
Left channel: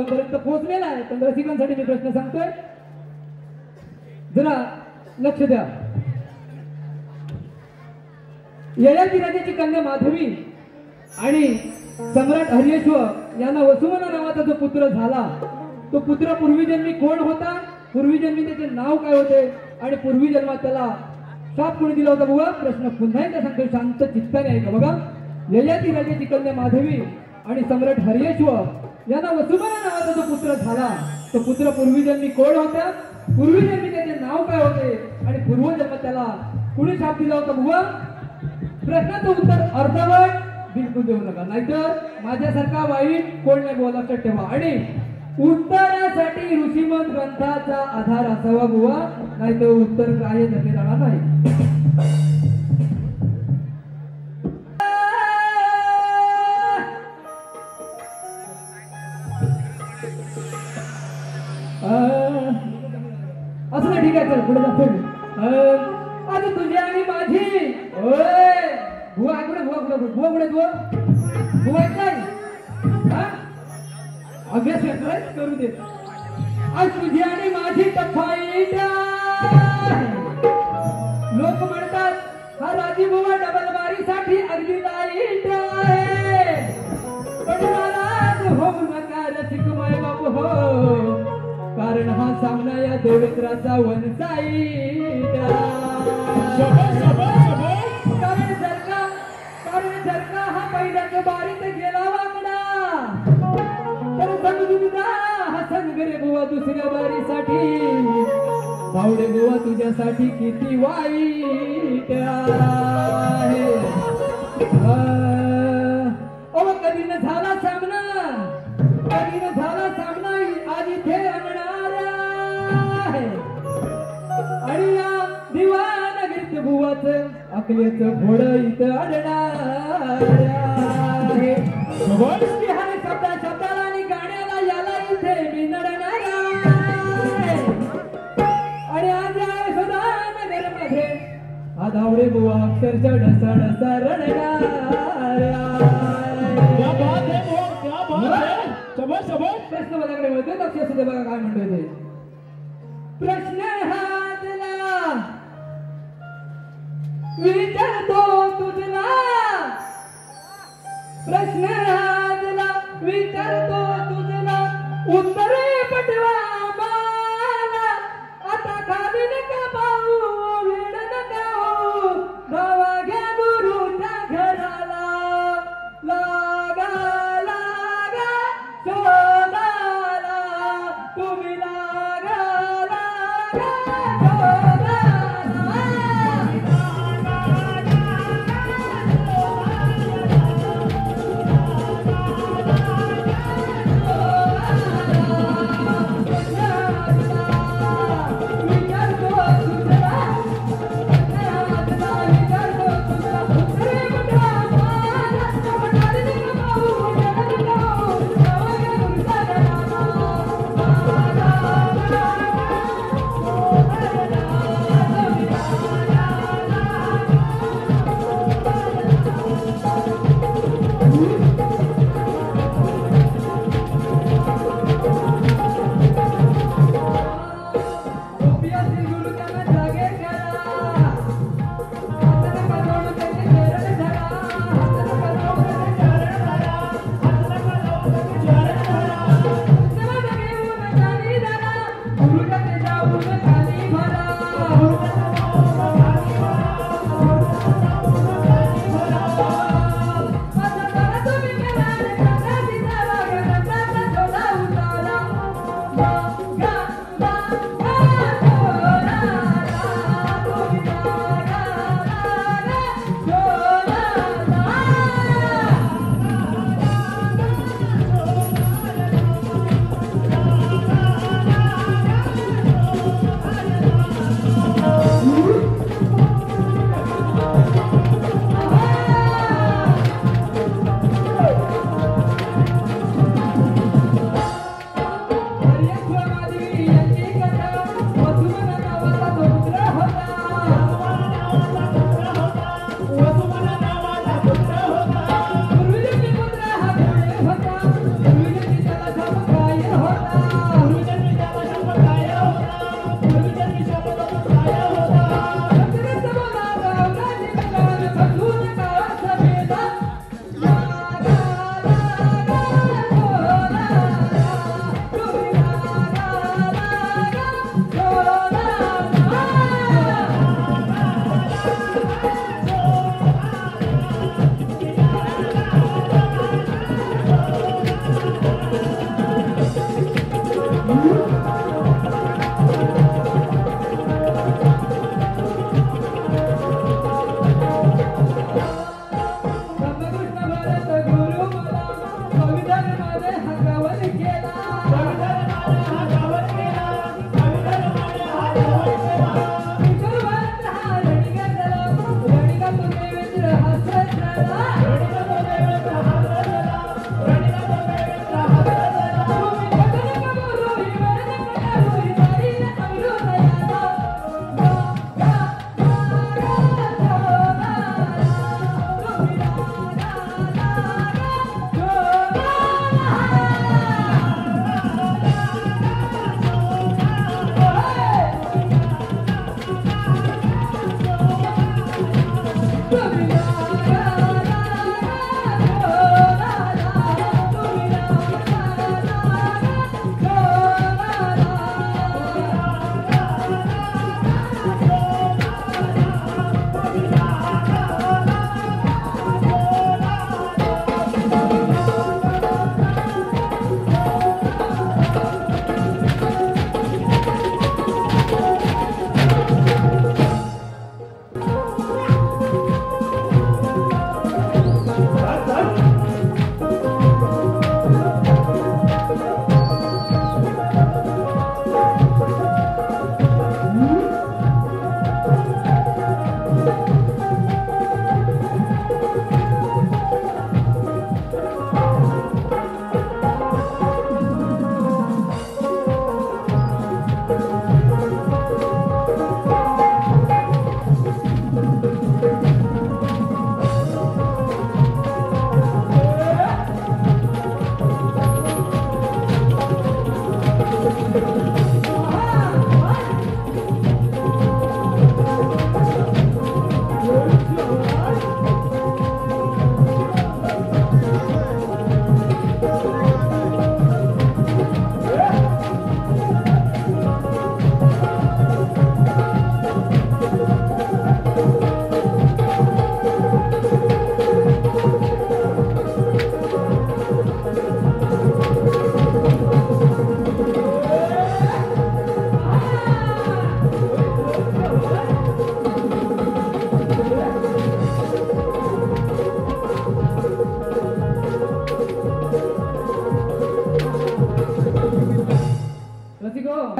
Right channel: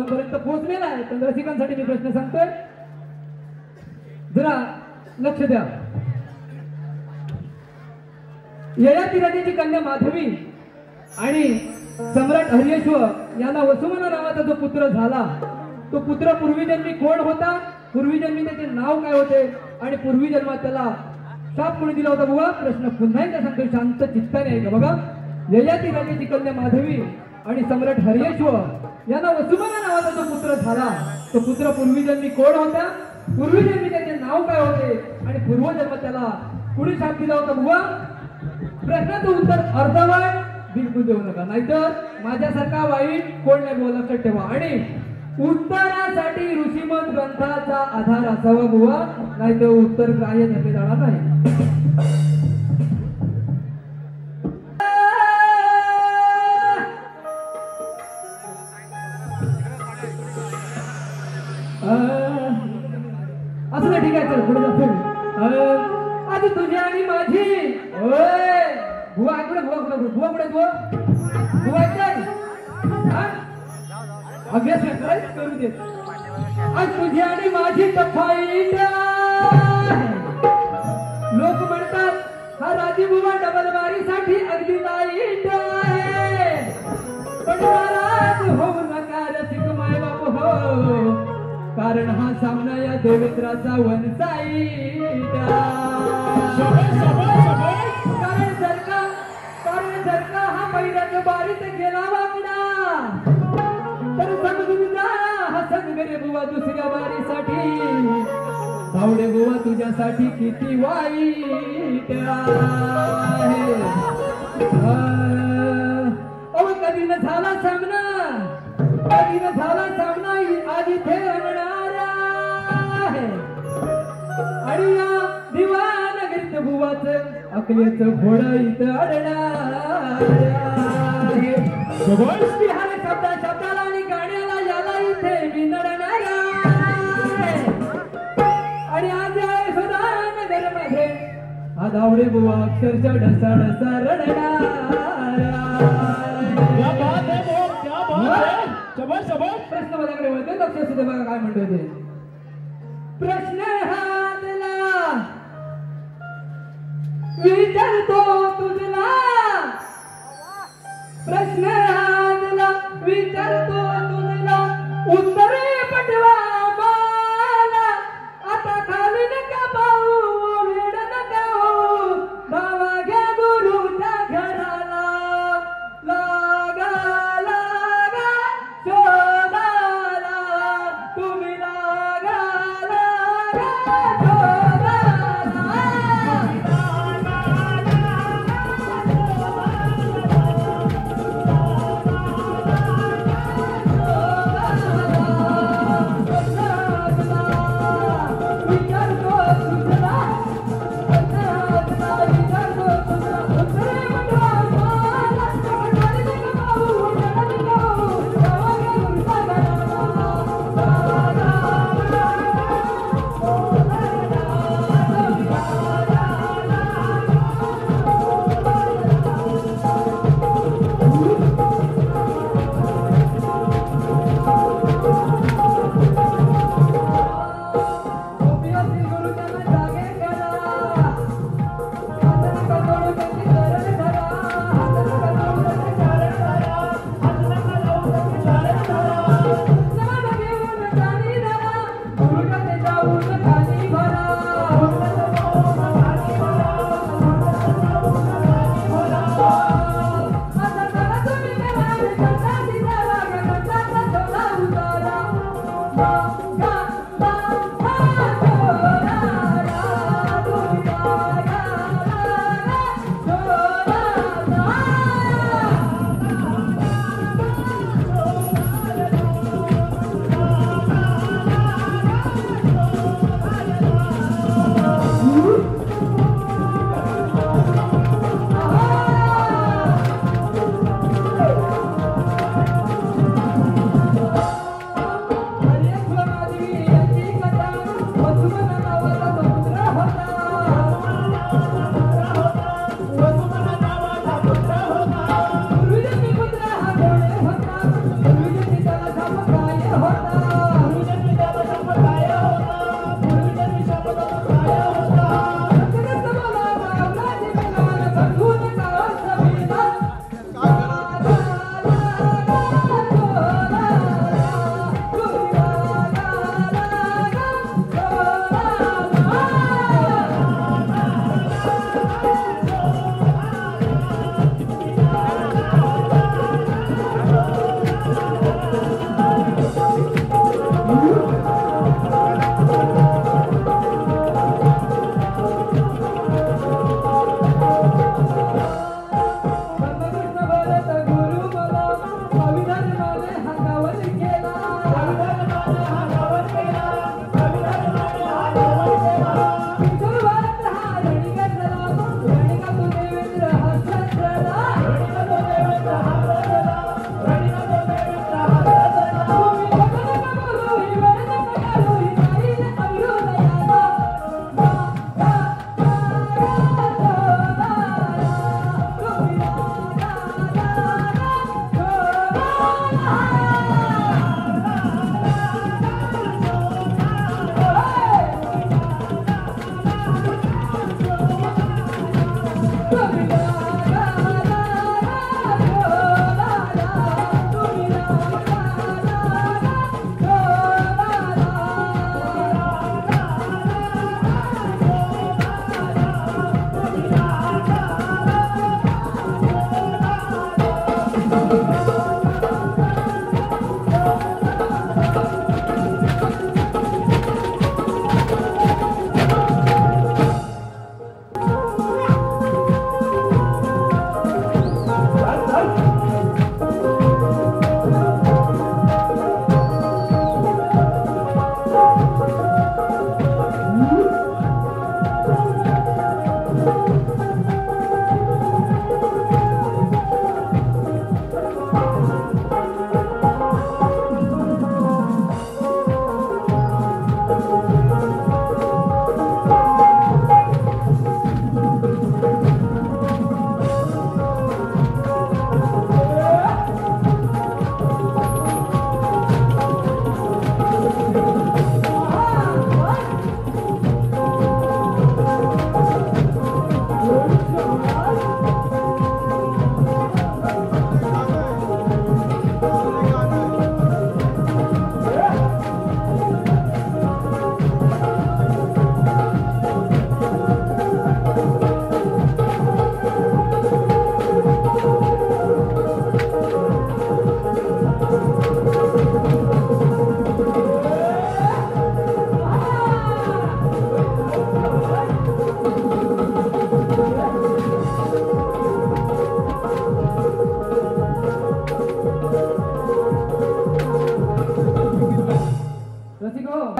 पर्यंत पोहोचलेला आहे. पण रसिकांसाठी मी प्रश्न सांगतोय, जरा लक्ष द्या. ययाती राजाची कन्या माधवी आणि सम्राट हरियश्व यांना वसुमना नावाचा जो पुत्र झाला तो पुत्र पूर्वीजन्मी कोण होता, पूर्वीजन्मी त्याचे नाव काय होते आणि पूर्वी जन्मात त्याला शाप कोणी दिला होता बुवा? प्रश्न पुन्हा एकदा सांगतो, शांत चित्ताने ऐका बघा. ययाती राजाची कन्या माधवी आणि सम्राट हरियश्व यांना वसुमना नावाचा जो पुत्र झाला तो पुत्र पूर्वीजन्मी कोण होता, पूर्वीजन्मी त्याचे नाव काय होते आणि पूर्वजन्मात त्याला कुणी शाप दिला होता बुवा? प्रश्नाचं उत्तर अर्धवट बिलकुल देऊ नका, नाहीतर माझ्यासारखा वाईट कोण नाही बोला, लक्षात ठेवा. आणि उत्तरासाठी ऋषीमत ग्रंथाचा आधार असावा बुवा, नाहीतर उत्तर ग्राह्य धरले जाणार नाही. असं ना, ठीक आहे, चल पुढे जातो. आज तुझी आणि माझी बुवा कुठे, बुवा कुठे, बुवा कुठे, बुवा काय अभ्यास करू दे. आज तुझी आणि माझी तफाईट, लोक म्हणतात हा राजीबुवा डबल बारीसाठी अगदी लाईट आहे, पण नाराज होऊ नका रसिक माय बाप हो, कारण हा सामना या देवेंद्राचा वन साईट. कारण जर का हा पहिल्याच बारीत गेला वाकडा तर समजून जा हा संग रे बुवा दुसऱ्या बारीसाठी, धावडे बुवा तुझ्यासाठी किती वाईट आहे. अहो कधी न झाला सामना, कधी न झाला सामना आज इथे रंगणार आहे, आणि या दिवानगरीत बुवाच अकलेच घोड इथं अडणार आहे. बिहार शब्दाला आणि गाण्याला याला इथे मी नडणार आहे, आणि आज सुधानगर मध्ये हा धावडे बुवा अक्षरशः ढसा ढसा रडणार आहे. प्रश्न माझ्याकडे वळतोय, लक्ष असू दे बघा काय म्हणतोय ते. प्रश्न हातला विचारतो तुझला, प्रश्न हातला विचारतो तुझला, उत्तरे पटवा मला, आता खाली नका पाहू वेड नका हो, धावा घ्या गुरुच्या घराला, लागा लागा शोधाला, तुम्ही लागा लागा शोधाला.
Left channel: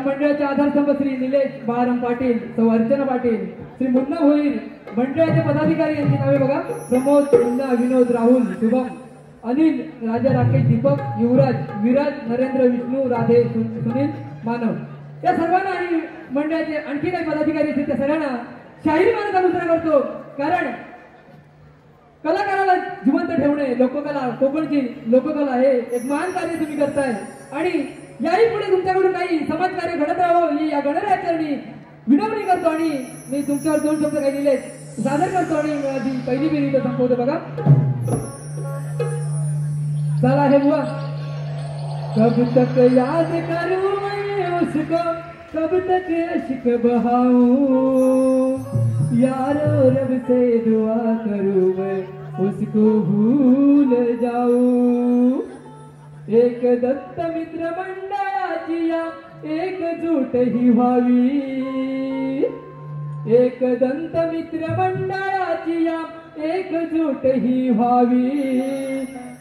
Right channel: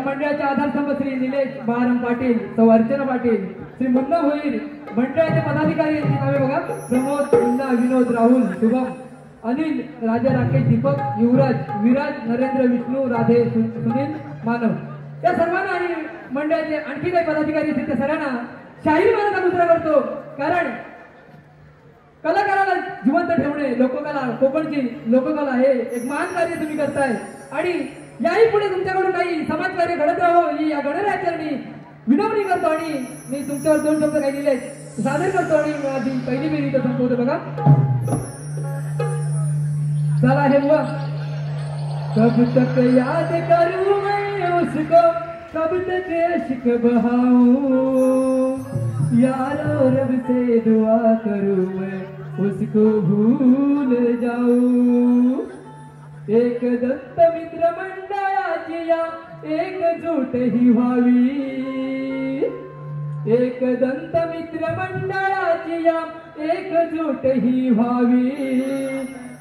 मंडळाचे आधारस्तंभ श्री निलेश बाळाराम पाटील, सौ अर्चना पाटील, श्री मुन्ना भोईर, मंडळाचे पदाधिकारी यांची नावे बघा. प्रमोद, मुन्ना, विनोद, राहुल, शुभम, अनिल, राजा, राकेश, दीपक, युवराज, विराज, नरेंद्र, विष्णू, राधे, सुनील, मानव या सर्वांना आणि मंडळाचे आणखी काही पदाधिकारी असतील त्या सर्वांना शाहीर मानाचा मुद्रा करतो. कारण कलाकाराला जिवंत ठेवणे, लोककला, कोकणची लोककला हे एक महान कार्य तुम्ही करताय आणि याही पुढे तुमच्याकडून काही समाजकार्य घडत राहावं ही या गणराज्याने विनवणी करतो आणि मी तुमच्यावर दोन शब्द काही लिहिले सादर करतो आणि माझी पहिली फेरी इथं संपवतो बघा. चला हे बुवा. कब तक याद करूं मैं उसको, कब तक इश्क बहाऊं, यारो रब से दुआ करूं मैं उसको भूल जाऊं. एक दत्त मित्र मंडळाची या एकजूट ही व्हावी, एक दंत मित्र मंडळाची या एकजूट ही व्हावी.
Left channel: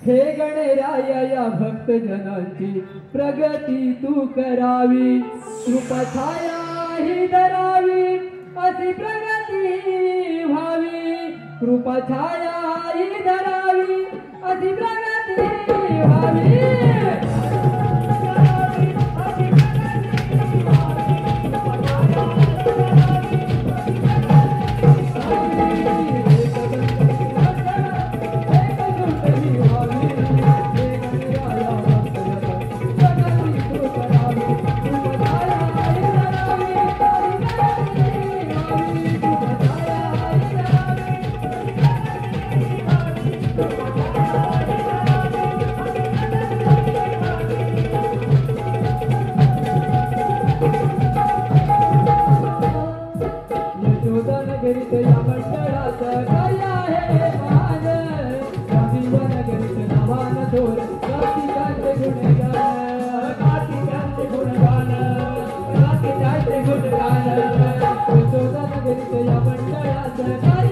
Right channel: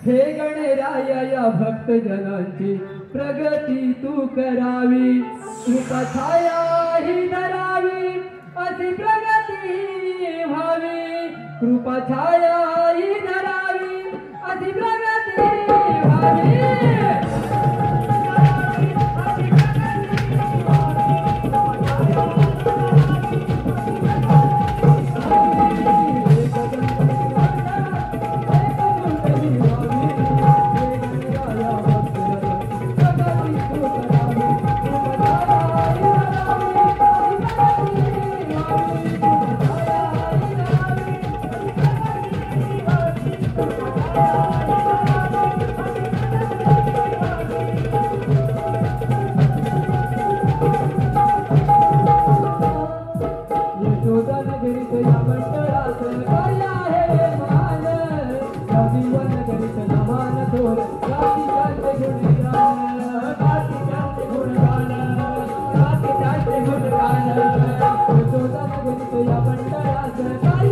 हे गणराया या भक्तजनांची प्रगती तू करावी, कृपा छाया ही धरावी अशी प्रगती व्हावी, कृपा छाया ही धरावी अशी प्रगती व्हावी. नगरीत या मंडळाचं काय आहे मान, नगरीत लहान थोर गाठीचे गुणगान, गाठीचे गुणगान, गाठीचे गुणगान. नगरीत या मंडळाचं काय